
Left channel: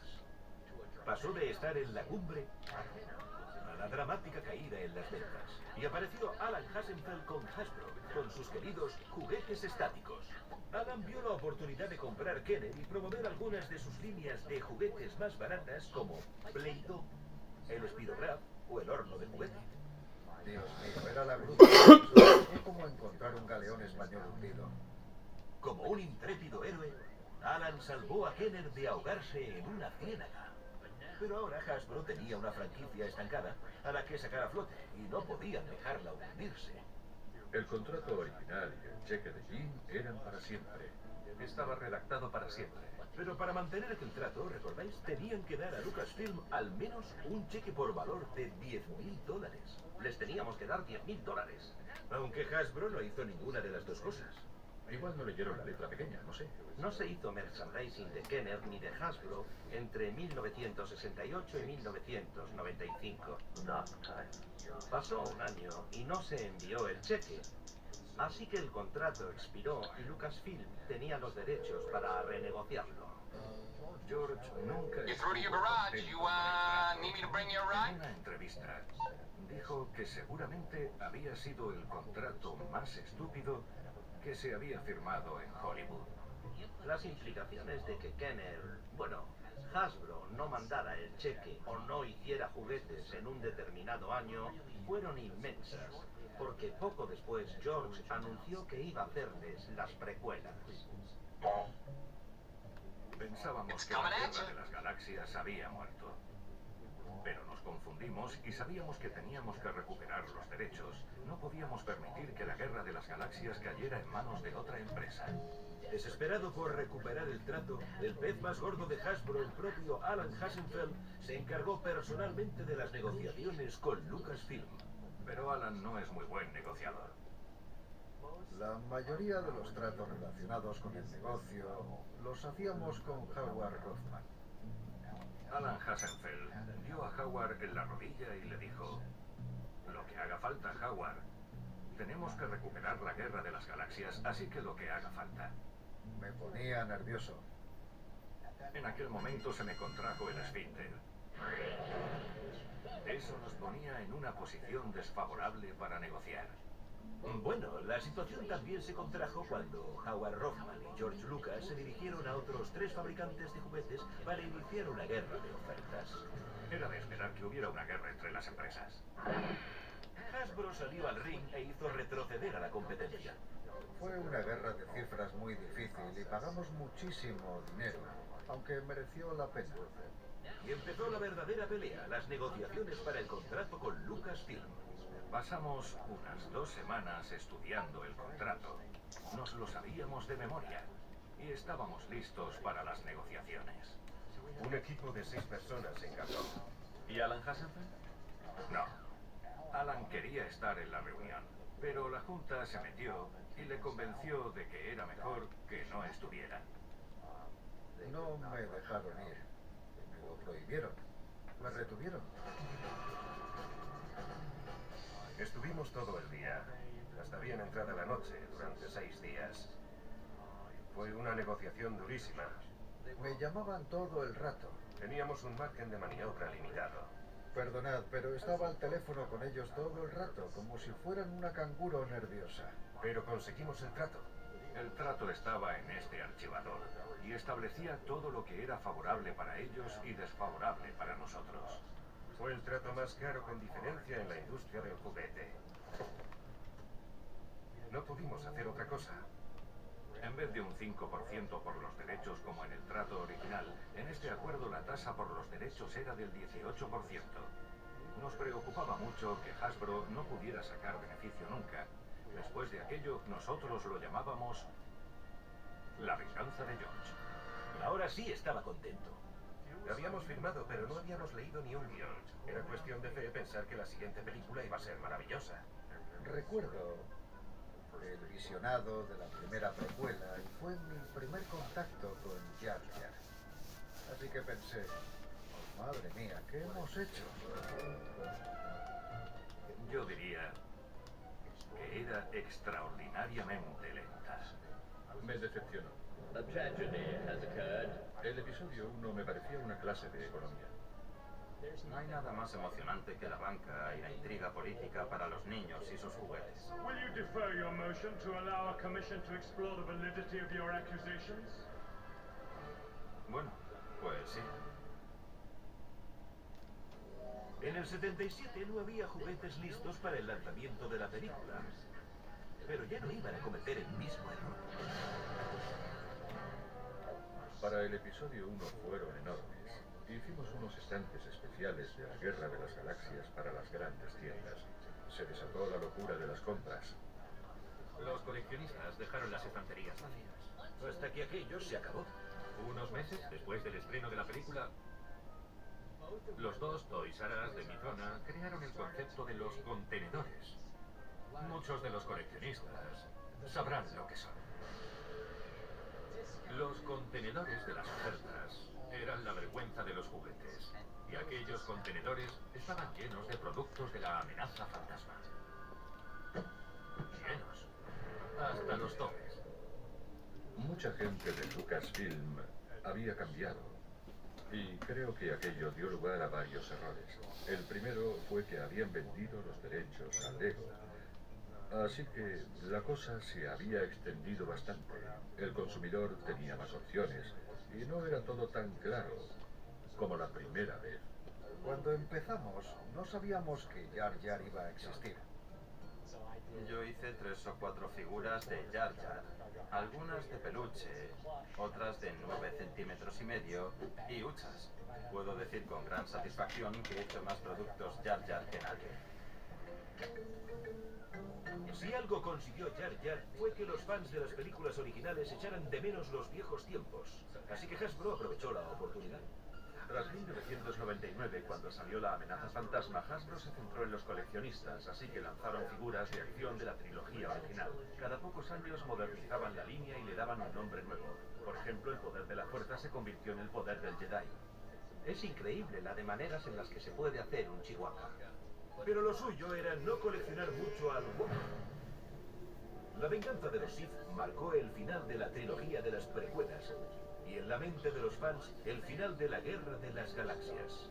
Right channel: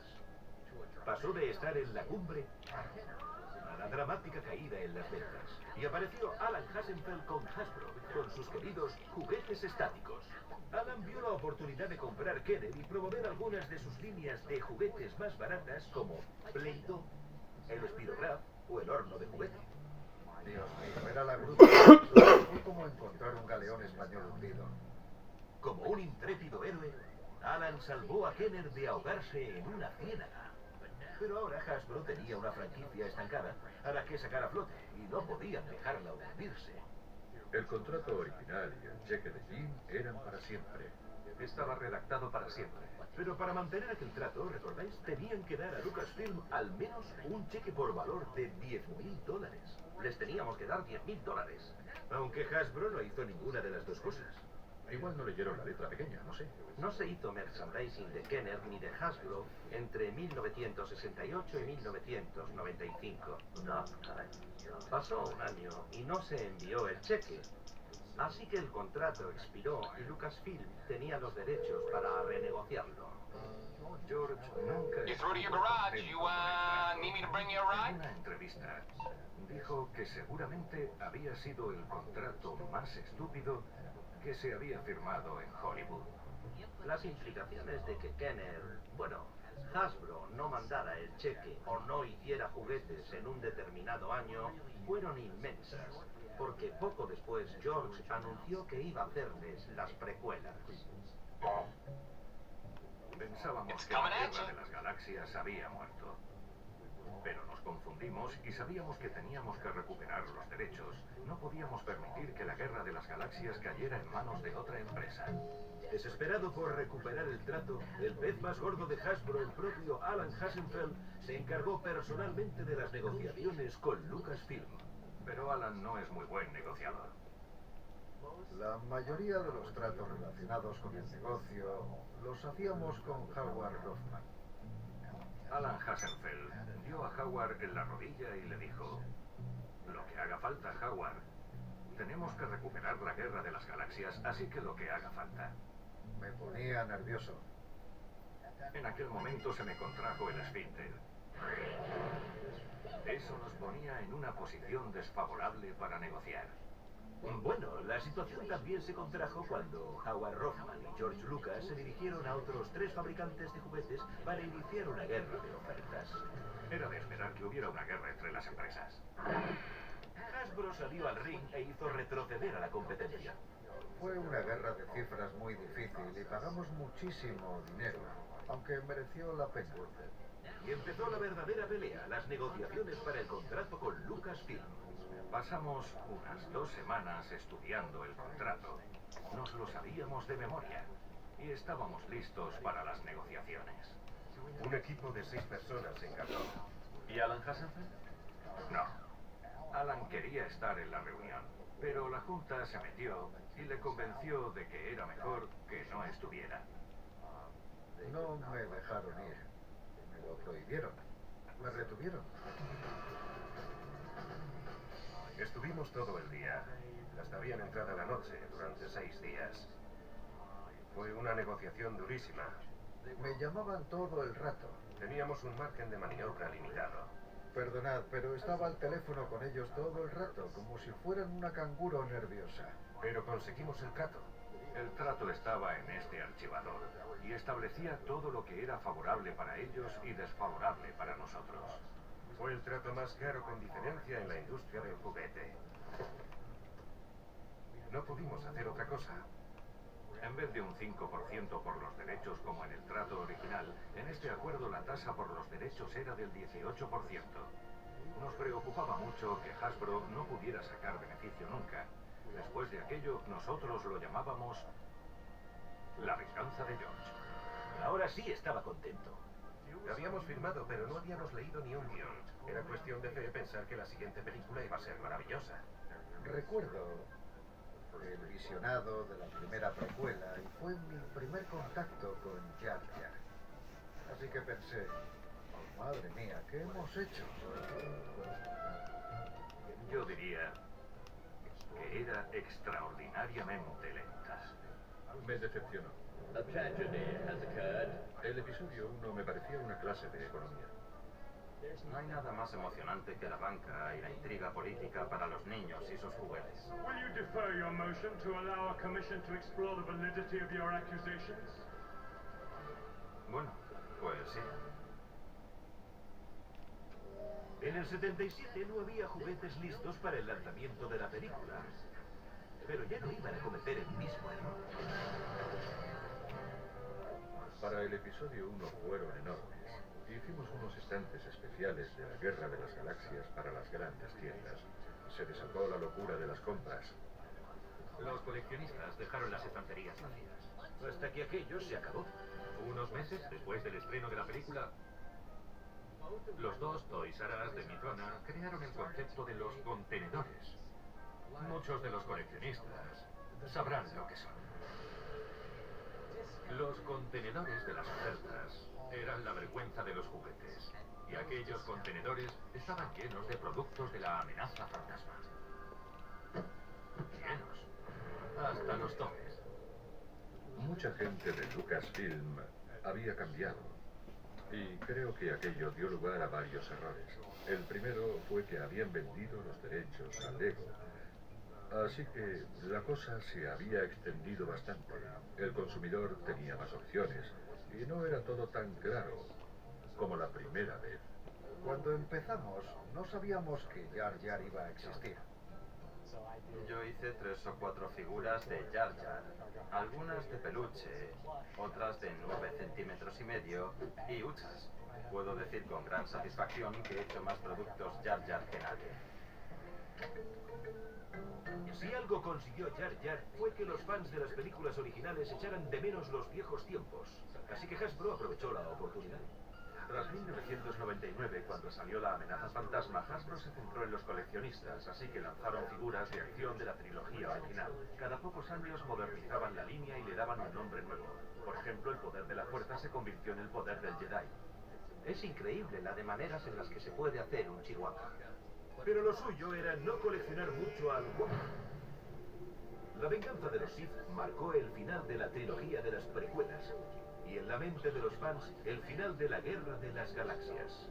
Pasó de estar en la cumbre a la dramática caída en las ventas. Y apareció Alan Hassenfeld con Hasbro, con sus queridos juguetes estáticos. Alan vio la oportunidad de comprar Kenner y promover algunas de sus líneas de juguetes más baratas como Play-Doh, el Spirograph o el horno de juguete. Dios mío, era la gruta. Fue como encontrar un galeón español hundido. Como un intrépido héroe, Alan salvó a Kenner de ahogarse en una ciénaga. Pero ahora Hasbro tenía una franquicia estancada a la que sacar a flote y no podían dejarla hundirse. El contrato original y el cheque de Jim eran para siempre. Estaba redactado para siempre. Pero para mantener aquel trato, ¿recordáis? Tenían que dar a Lucasfilm al menos un cheque por valor de $10.000. Les teníamos que dar $10.000. Aunque Hasbro no hizo ninguna de las dos cosas. Igual no leyeron la letra pequeña, no sé. No se hizo merchandising de Kenner ni de Hasbro entre 1968 y 1995. Pasó un año y no se envió el cheque. Así que el contrato expiró y Lucasfilm tenía los derechos para renegociarlo. George nunca You through to your garage. You, need me to bring you a ride? En una entrevista dijo que seguramente había sido el contrato más estúpido que se había firmado en Hollywood. Las implicaciones de que Hasbro no mandara el cheque o no hiciera juguetes en un determinado año fueron inmensas, porque poco después George anunció que iba a hacerles las precuelas. Pensábamos que la Guerra de las Galaxias había muerto. Pero nos confundimos y sabíamos que teníamos que recuperar los derechos. No podíamos permitir que la Guerra de las Galaxias cayera en manos de otra empresa. Desesperado por recuperar el trato, el pez más gordo de Hasbro, el propio Alan Hassenfeld, se encargó personalmente de las negociaciones con Lucasfilm. Pero Alan no es muy buen negociador. La mayoría de los tratos relacionados con el negocio los hacíamos con Howard Rothman. Alan Hassenfeld dio a Howard en la rodilla y le dijo: lo que haga falta, Howard. Tenemos que recuperar la Guerra de las Galaxias, así que lo que haga falta. Me ponía nervioso. En aquel momento se me contrajo el esfínter. Eso nos ponía en una posición desfavorable para negociar. Bueno, la situación también se contrajo cuando Howard Rothman y George Lucas se dirigieron a otros 3 fabricantes de juguetes para iniciar una guerra de ofertas. Era de esperar que hubiera una guerra entre las empresas. Hasbro salió al ring e hizo retroceder a la competencia. Fue una guerra de cifras muy difícil y pagamos muchísimo dinero, aunque mereció la pena. Y empezó la verdadera pelea, las negociaciones para el contrato con Lucasfilm. Pasamos unas 2 semanas estudiando el contrato. Nos lo sabíamos de memoria y estábamos listos para las negociaciones. Un equipo de 6 personas se encargó. ¿Y Alan Hassenfeld? No. Alan quería estar en la reunión, pero la junta se metió y le convenció de que era mejor que no estuviera. No me dejaron ir. Me lo prohibieron. Me retuvieron. Estuvimos todo el día, hasta bien entrada la noche, durante 6 días. Fue una negociación durísima. Me llamaban todo el rato. Teníamos un margen de maniobra limitado. Perdonad, pero estaba al teléfono con ellos todo el rato, como si fueran una canguro nerviosa. Pero conseguimos el trato. El trato estaba en este archivador y establecía todo lo que era favorable para ellos y desfavorable para nosotros. Fue el trato más caro con diferencia en la industria del juguete. No pudimos hacer otra cosa. En vez de un 5% por los derechos como en el trato original, en este acuerdo la tasa por los derechos era del 18%. Nos preocupaba mucho que Hasbro no pudiera sacar beneficio nunca. Después de aquello, nosotros lo llamábamos la venganza de George. Ahora sí estaba contento. Habíamos firmado, pero no habíamos leído ni un guión. Era cuestión de fe pensar que la siguiente película iba a ser maravillosa. Recuerdo el visionado de la primera precuela y fue mi primer contacto con Jar Jar. Así que pensé, oh, madre mía, ¿qué hemos hecho? Yo diría que era extraordinariamente lenta. Me decepcionó. El episodio 1 me parecía una clase de economía. No hay nada más emocionante que la banca y la intriga política para los niños y sus juguetes. Will you defer your motion to allow a commission to explore the validity of your accusations? Bueno, pues sí. En el 77 no había juguetes listos para el lanzamiento de la película, pero ya no iban a cometer el mismo error. Para el episodio 1 fueron enormes. Hicimos unos estantes especiales de la Guerra de las Galaxias para las grandes tiendas. Se desató la locura de las compras. Los coleccionistas dejaron las estanterías vacías. Hasta que aquello se acabó. Unos meses después del estreno de la película, los dos Toys R Us de mi zona crearon el concepto de los contenedores. Muchos de los coleccionistas sabrán lo que son. Los contenedores de las ofertas eran la vergüenza de los juguetes, y aquellos contenedores estaban llenos de productos de la amenaza fantasma. Llenos. Hasta los topes. Mucha gente de Lucasfilm había cambiado, y creo que aquello dio lugar a varios errores. El primero fue que habían vendido los derechos a Lego. Así que la cosa se había extendido bastante. El consumidor tenía más opciones y no era todo tan claro como la primera vez. Cuando empezamos, no sabíamos que Jar Jar iba a existir. Yo hice 3 o 4 figuras de Jar Jar, algunas de peluche, otras de 9 centímetros y medio y huchas. Puedo decir con gran satisfacción que he hecho más productos Jar Jar que nadie. Si algo consiguió Jar Jar fue que los fans de las películas originales echaran de menos los viejos tiempos. Así que Hasbro aprovechó la oportunidad. Tras 1999, cuando salió la amenaza fantasma, Hasbro se centró en los coleccionistas, así que lanzaron figuras de acción de la trilogía original. Cada pocos años modernizaban la línea y le daban un nombre nuevo. Por ejemplo, el poder de la fuerza se convirtió en el poder del Jedi. Es increíble la de maneras en las que se puede hacer un Chihuahua. Pero lo suyo era no coleccionar mucho al Wookiee. La venganza de los Sith marcó el final de la trilogía de las precuelas y en la mente de los fans el final de la Guerra de las Galaxias.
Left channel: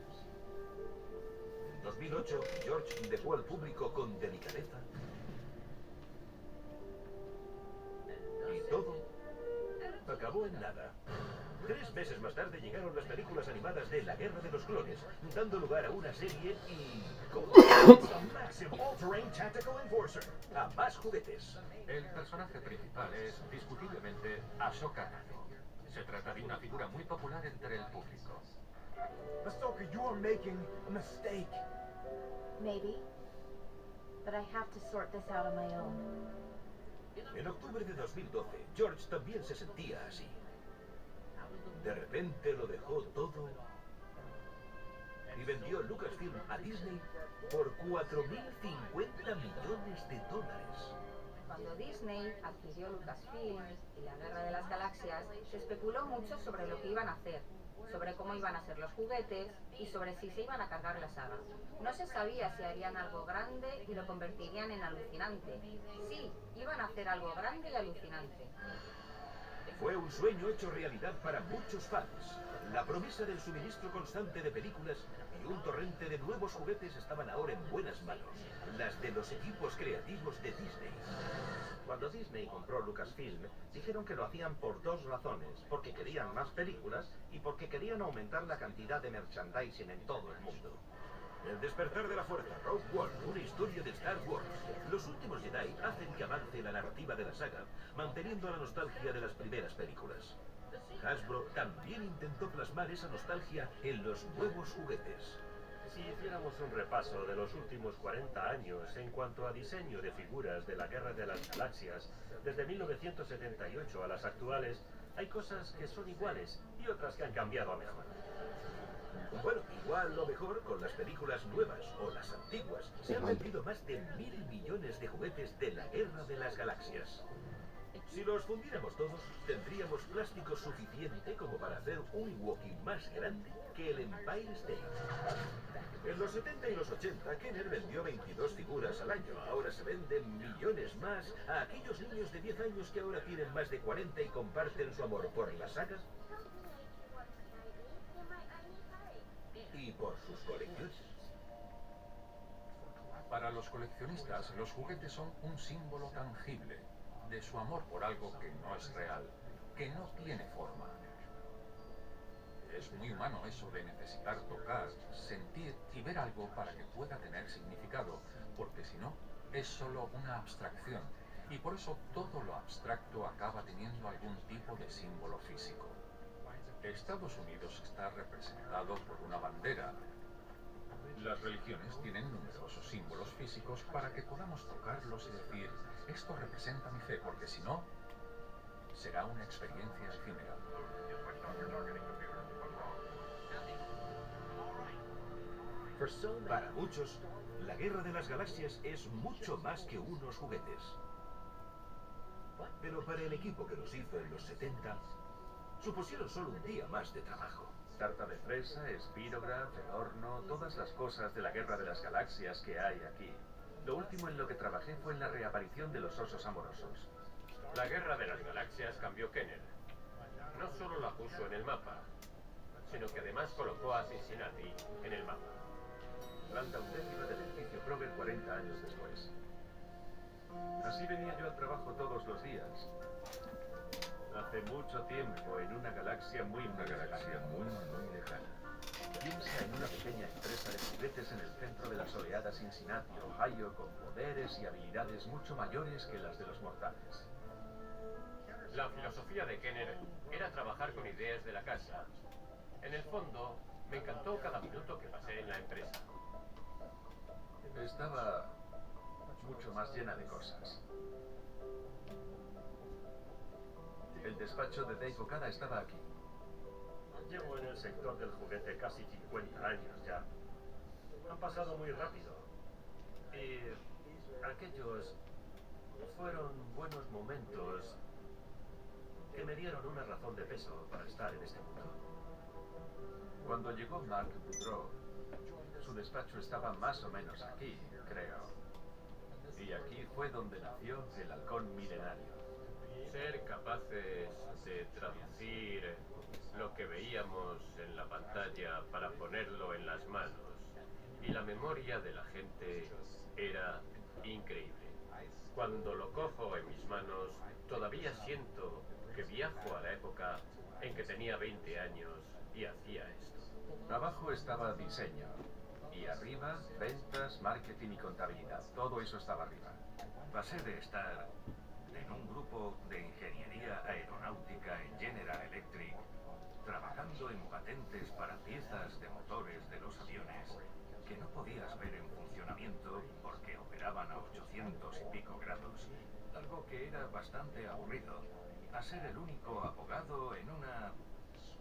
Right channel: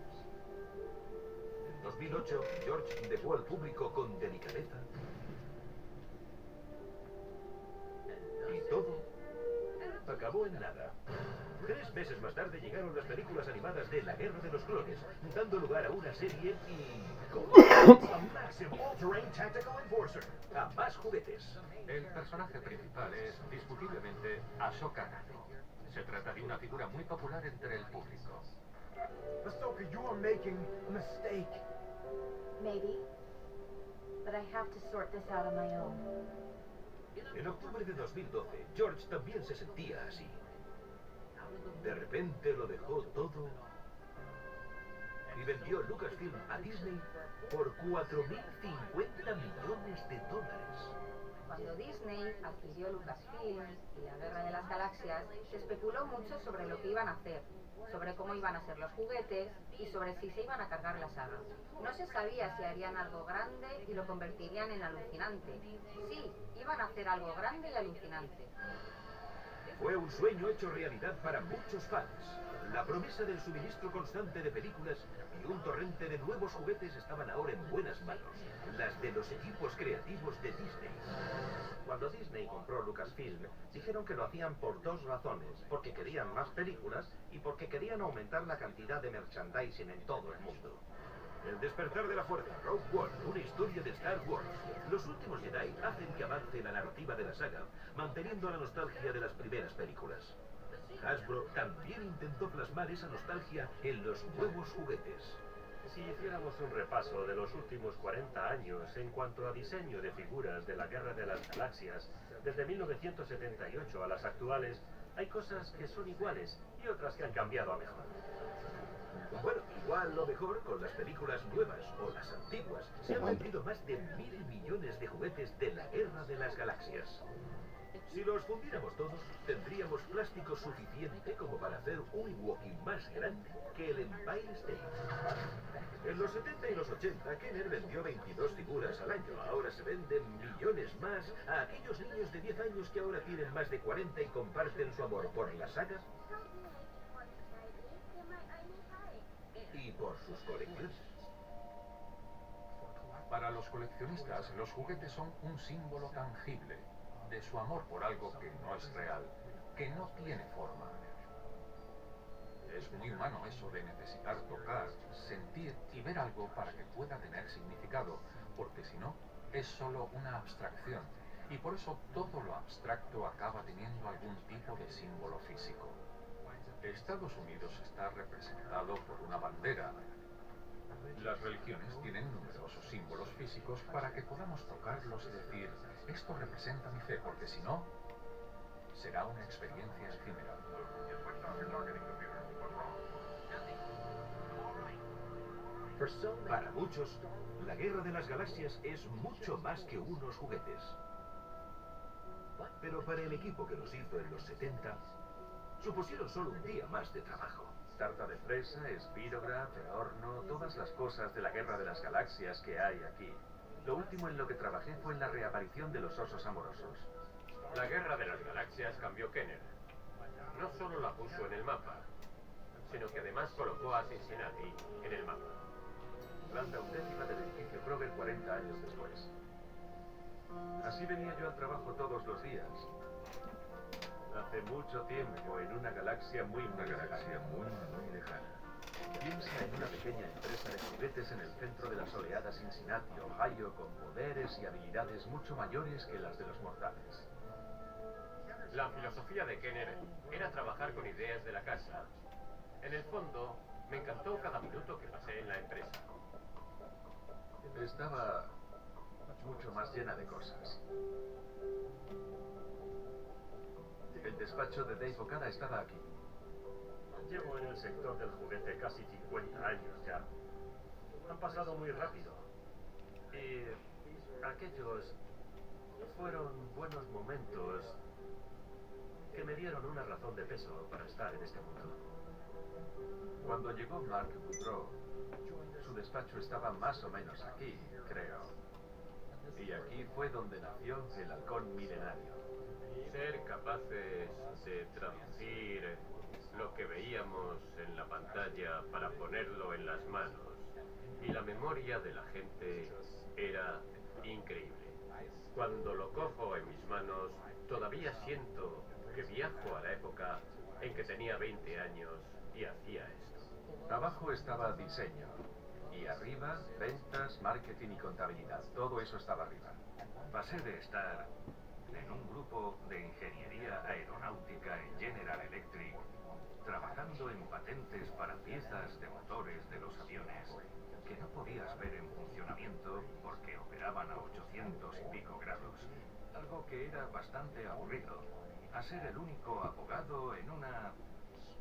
En 2008, George dejó al público con delicadeza y todo acabó en nada. 3 meses más tarde llegaron las películas animadas de La Guerra de los Clones, dando lugar a una serie y a más juguetes. El personaje principal es, discutiblemente, Ahsoka Tano. Se trata de una figura muy popular entre el público. Ahsoka, you are making a mistake. Maybe. But I have to sort this out on my own. En octubre de 2012, George también se sentía así. De repente lo dejó todo y vendió Lucasfilm a Disney por $4.050 millones. Cuando Disney adquirió Lucasfilm y la Guerra de las Galaxias, se especuló mucho sobre lo que iban a hacer, sobre cómo iban a ser los juguetes y sobre si se iban a cargar la saga. No se sabía si harían algo grande y lo convertirían en alucinante. Sí, iban a hacer algo grande y alucinante. Fue un sueño hecho realidad para muchos fans. La promesa del suministro constante de películas y un torrente de nuevos juguetes estaban ahora en buenas manos, las de los equipos creativos de Disney. Cuando Disney compró Lucasfilm, dijeron que lo hacían por 2 razones, porque querían más películas y porque querían aumentar la cantidad de merchandising en todo el mundo. El despertar de la fuerza, Rogue One, una historia de Star Wars. Los últimos Jedi hacen que avance la narrativa de la saga, manteniendo la nostalgia de las primeras películas. Hasbro también intentó plasmar esa nostalgia en los nuevos juguetes. Si hiciéramos un repaso de los últimos 40 años en cuanto a diseño de figuras de la Guerra de las Galaxias, desde 1978 a las actuales, hay cosas que son iguales y otras que han cambiado a mejor. Bueno, igual lo mejor con las películas nuevas o las antiguas. Se han vendido más de 1.000 millones de juguetes de la Guerra de las Galaxias. Si los fundiéramos todos, tendríamos plástico suficiente como para hacer un Wookiee más grande que el Empire State. En los 70 y los 80, Kenner vendió 22 figuras al año. Ahora se venden millones más a aquellos niños de 10 años que ahora tienen más de 40 y comparten su amor por la saga y por sus colecciones. Para los coleccionistas, los juguetes son un símbolo tangible de su amor por algo que no es real, que no tiene forma. Es muy humano eso de necesitar tocar, sentir y ver algo para que pueda tener significado, porque si no, es solo una abstracción, y por eso todo lo abstracto acaba teniendo algún tipo de símbolo físico. Estados Unidos está representado por una bandera. Las religiones tienen numerosos símbolos físicos para que podamos tocarlos y decir, esto representa mi fe, porque si no, será una experiencia efímera. Para muchos, la Guerra de las Galaxias es mucho más que unos juguetes. Pero para el equipo que los hizo en los 70, supusieron solo un día más de trabajo. Tarta de fresa, espirograph, horno, todas las cosas de la Guerra de las Galaxias que hay aquí. Lo último en lo que trabajé fue en la reaparición de los osos amorosos. La Guerra de las Galaxias cambió Kenner. No solo la puso en el mapa, sino que además colocó a Cincinnati en el mapa. Planta auténtica del edificio Kroger 40 años después. Así venía yo al trabajo todos los días. Hace mucho tiempo, en una galaxia muy lejana. Piensa en una pequeña empresa de juguetes en el centro de la soleada Cincinnati, Ohio, con poderes y habilidades mucho mayores que las de los mortales. La filosofía de Kenner era trabajar con ideas de la casa. En el fondo, me encantó cada minuto que pasé en la empresa. Estaba mucho más llena de cosas. El despacho de Dave Okada estaba aquí. Llevo en el sector del juguete casi 50 años ya. Han pasado muy rápido. Y aquellos fueron buenos momentos que me dieron una razón de peso para estar en este mundo. Cuando llegó Mark Boudreau, su despacho estaba más o menos aquí, creo. Y aquí fue donde nació el halcón milenario. Ser capaces de traducir lo que veíamos en la pantalla para ponerlo en las manos. Y la memoria de la gente era increíble. Cuando lo cojo en mis manos, todavía siento que viajo a la época en que tenía 20 años y hacía esto. Abajo estaba diseño. Y arriba, ventas, marketing y contabilidad. Todo eso estaba arriba. Pasé de estar en un grupo de ingeniería aeronáutica en General Electric, trabajando en patentes para piezas de motores de los aviones que no podías ver en funcionamiento porque operaban a 800 y pico grados, algo que era bastante aburrido, a ser el único abogado en una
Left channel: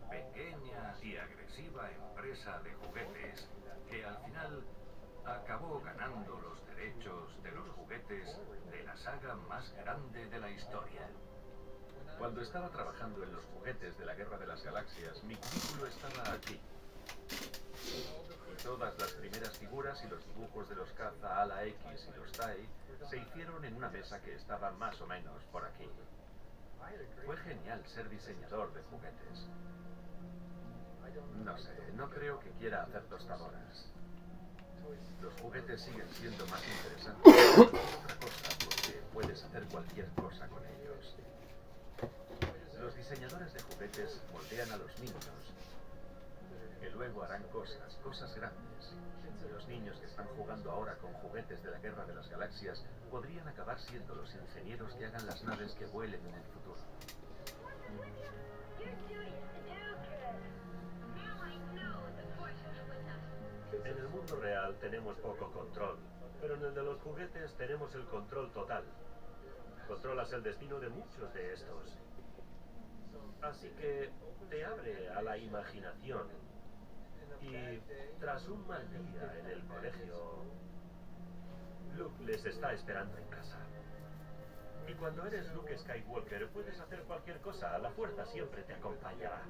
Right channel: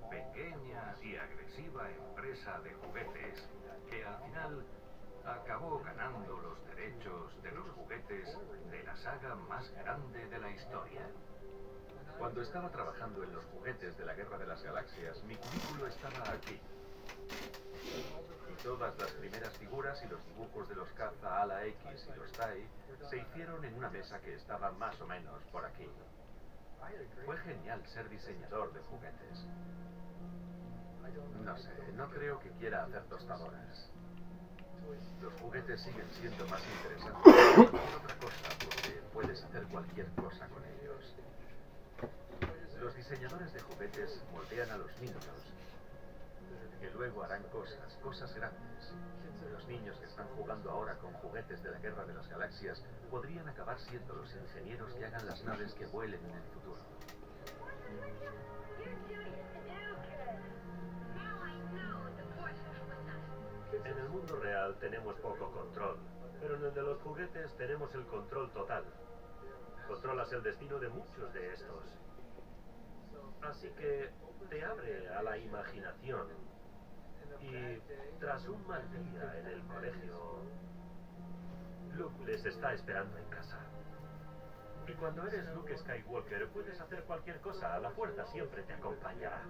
pequeña y agresiva empresa de juguetes que al final acabó ganando los derechos de los juguetes de la saga más grande de la historia. Cuando estaba trabajando en los juguetes de la Guerra de las Galaxias, mi cubículo estaba aquí. Y todas las primeras figuras y los dibujos de los caza ala X y los TIE se hicieron en una mesa que estaba más o menos por aquí. Fue genial ser diseñador de juguetes. No sé, no creo que quiera hacer tostadoras. Los juguetes siguen siendo más interesantes que otra cosa porque puedes hacer cualquier cosa con ellos. Los diseñadores de juguetes moldean a los niños, que luego harán cosas grandes. Los niños que están jugando ahora con juguetes de la Guerra de las Galaxias podrían acabar siendo los ingenieros que hagan las naves que vuelen en el futuro. En el mundo real tenemos poco control, pero en el de los juguetes tenemos el control total. Controlas el destino de muchos de estos. Así que te abre a la imaginación Y tras un mal día en el colegio, Luke les está esperando en casa. Y cuando eres Luke Skywalker, puedes hacer cualquier cosa. La fuerza siempre te acompañará.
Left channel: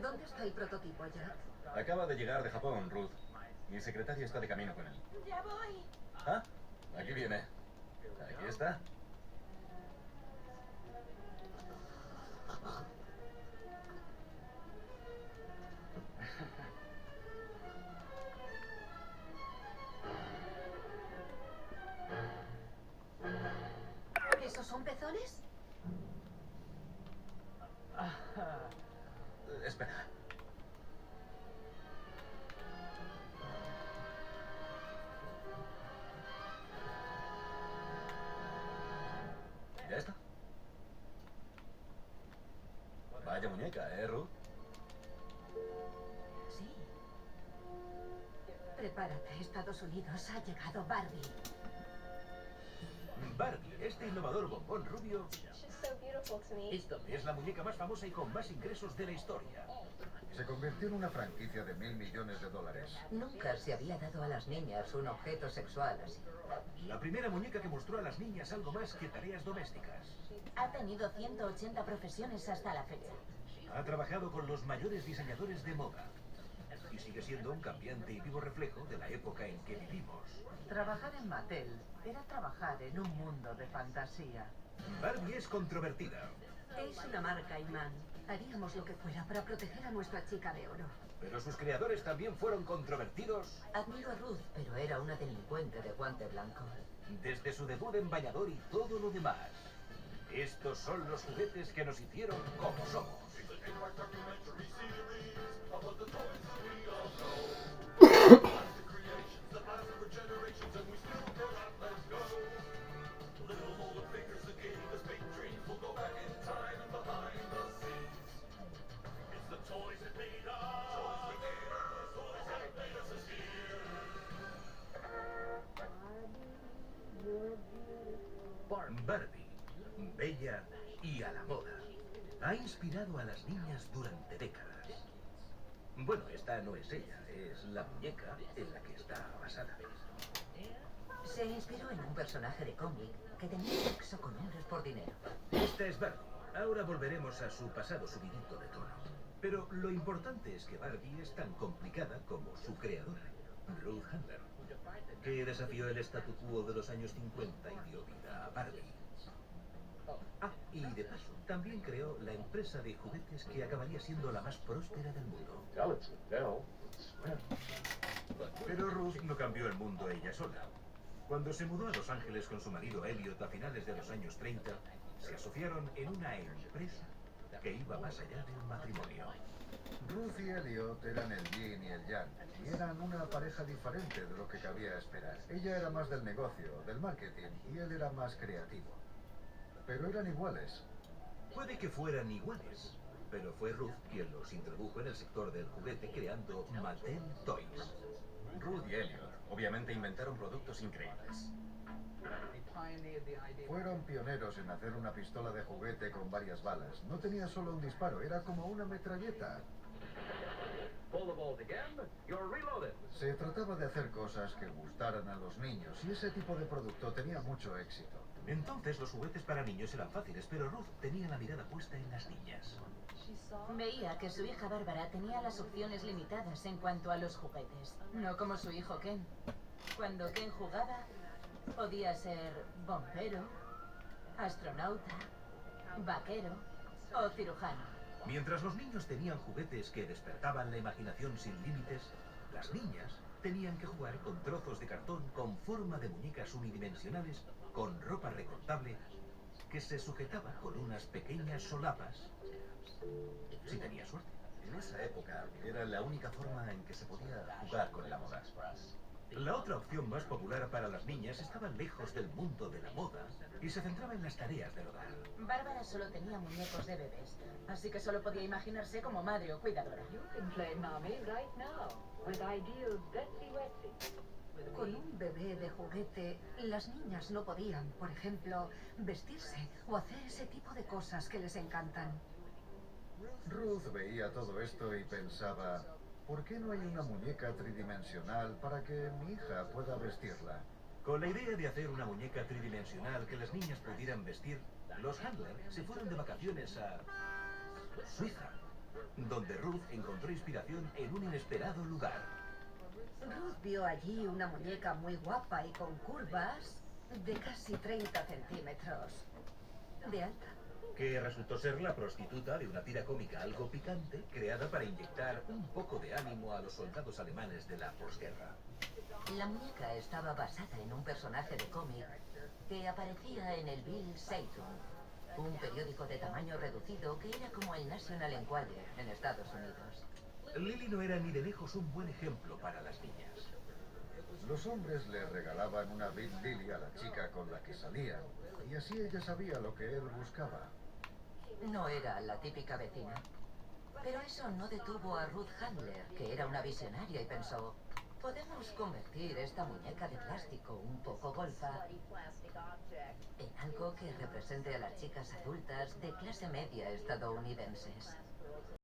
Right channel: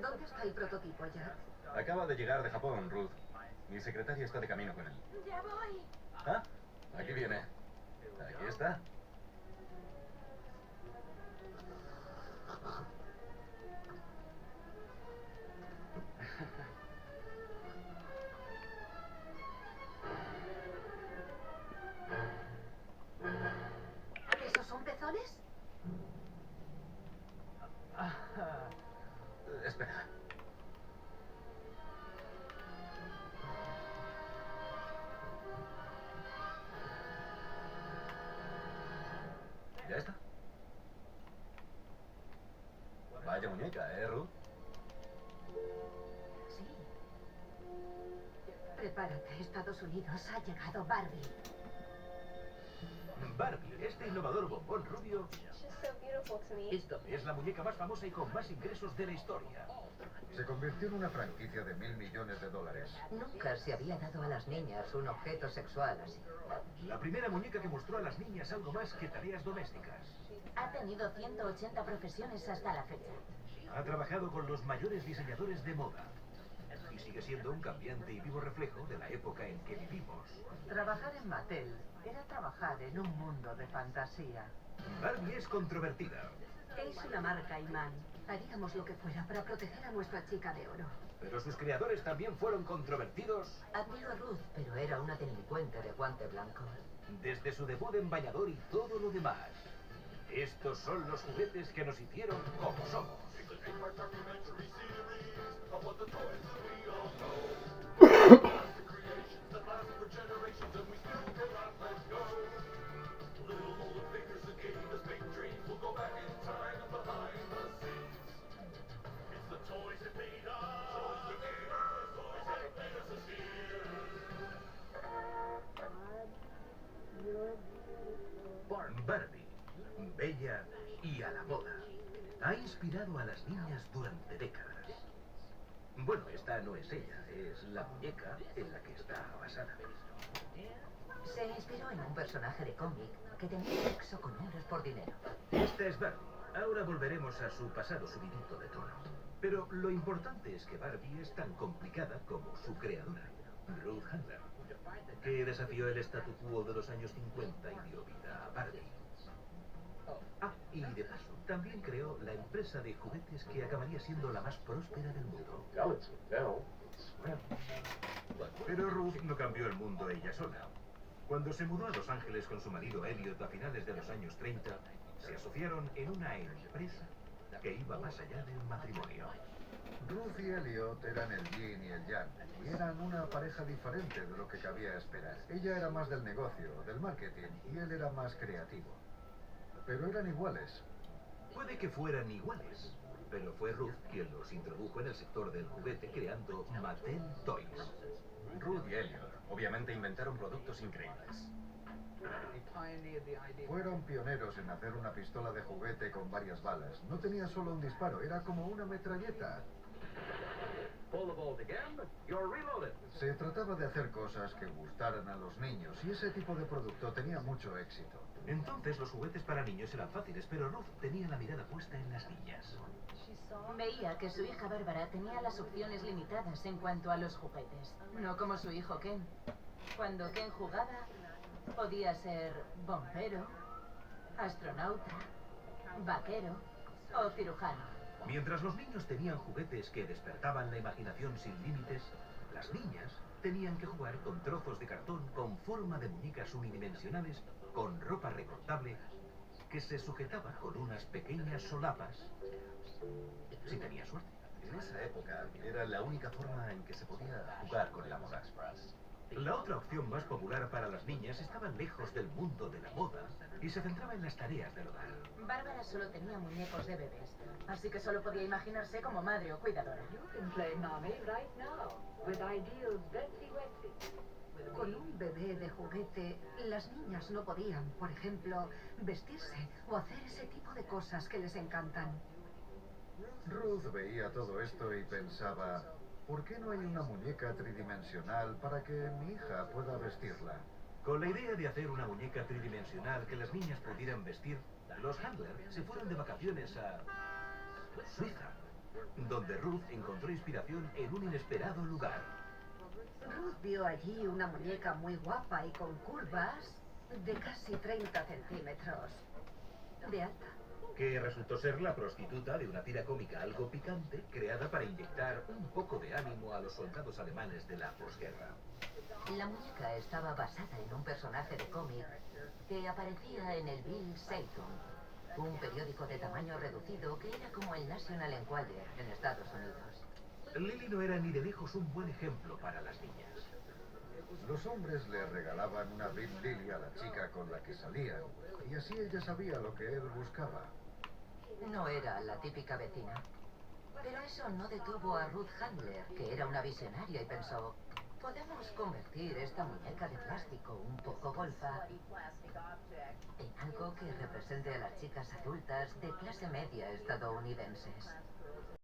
¿Dónde está el prototipo, Jack? Acaba de llegar de Japón, Ruth. Mi secretaria está de camino con él. Ya voy. Ah, aquí viene. Aquí está. ¿Esos son pezones? Espera. ¿Ya está? Vaya muñeca, Ruth? Sí. Prepárate, Estados Unidos. Ha llegado Barbie. Barbie, este innovador bombón rubio, esta es la muñeca más famosa y con más ingresos de la historia. Se convirtió en una franquicia de $1.000 millones. Nunca se había dado a las niñas un objeto sexual así. La primera muñeca que mostró a las niñas algo más que tareas domésticas. Ha tenido 180 profesiones hasta la fecha. Ha trabajado con los mayores diseñadores de moda. Y sigue siendo un cambiante y vivo reflejo de la época en que vivimos. Trabajar en Mattel era trabajar en un mundo de fantasía. Barbie es controvertida. Es una marca, Iman. Haríamos lo que fuera para proteger a nuestra chica de oro. Pero sus creadores también fueron controvertidos. Admiro a Ruth, pero era una delincuente de guante blanco. Desde su debut en bañador y todo lo demás. Estos son los juguetes que nos hicieron como somos. Barbie, bella y a la moda, ha inspirado a las niñas durante décadas. Bueno, esta no es ella, es la muñeca en la que está basada. Se inspiró en un personaje de cómic que tenía sexo con hombres por dinero. Esta es Barbie. Ahora volveremos a su pasado subidito de tono. Pero lo importante es que Barbie es tan complicada como su creadora, Ruth Handler, que desafió el statu quo de los años 50 y dio vida a Barbie. Ah, y de paso, también creó la empresa de juguetes que acabaría siendo la más próspera del mundo. Pero Ruth no cambió el mundo ella sola. Cuando se mudó a Los Ángeles con su marido Elliot a finales de los años 30, se asociaron en una empresa que iba más allá de un matrimonio. Ruth y Elliot eran el yin y el yang, y eran una pareja diferente de lo que cabía esperar. Ella era más del negocio, del marketing, y él era más creativo. Pero eran iguales. Puede que fueran iguales, pero fue Ruth quien los introdujo en el sector del juguete creando Mattel Toys. Ruth y Elliot obviamente inventaron productos increíbles. Fueron pioneros en hacer una pistola de juguete con varias balas. No tenía solo un disparo, era como una metralleta. Se trataba de hacer cosas que gustaran a los niños, y ese tipo de producto tenía mucho éxito. Entonces los juguetes para niños eran fáciles, pero Ruth tenía la mirada puesta en las niñas. Veía que su hija Bárbara tenía las opciones limitadas en cuanto a los juguetes, no como su hijo Ken. Cuando Ken jugaba, podía ser bombero, astronauta, vaquero o cirujano. Mientras los niños tenían juguetes que despertaban la imaginación sin límites, las niñas tenían que jugar con trozos de cartón con forma de muñecas unidimensionales con ropa recortable que se sujetaba con unas pequeñas solapas si tenía suerte. En esa época era la única forma en que se podía jugar con la moda. La otra opción más popular para las niñas estaba lejos del mundo de la moda y se centraba en las tareas del hogar. Bárbara solo tenía muñecos de bebés, así que solo podía imaginarse como madre o cuidadora. Con un bebé de juguete, las niñas no podían, por ejemplo, vestirse o hacer ese tipo de cosas que les encantan. Ruth veía todo esto y pensaba, ¿por qué no hay una muñeca tridimensional para que mi hija pueda vestirla? Con la idea de hacer una muñeca tridimensional que las niñas pudieran vestir, los Handler se fueron de vacaciones a Suiza, donde Ruth encontró inspiración en un inesperado lugar. Ruth vio allí una muñeca muy guapa y con curvas de casi 30 centímetros de alta. Que resultó ser la prostituta de una tira cómica algo picante creada para inyectar un poco de ánimo a los soldados alemanes de la posguerra. La muñeca estaba basada en un personaje de cómic que aparecía en el Bild Zeitung, un periódico de tamaño reducido que era como el National Enquirer en Estados Unidos. Lily no era ni de lejos un buen ejemplo para las niñas. Los hombres le regalaban una Big Lily a la chica con la que salían, y así ella sabía lo que él buscaba. No era la típica vecina. Pero eso no detuvo a Ruth Handler, que era una visionaria, y pensó, podemos convertir esta muñeca de plástico un poco golfa en algo que represente a las chicas adultas de clase media estadounidenses.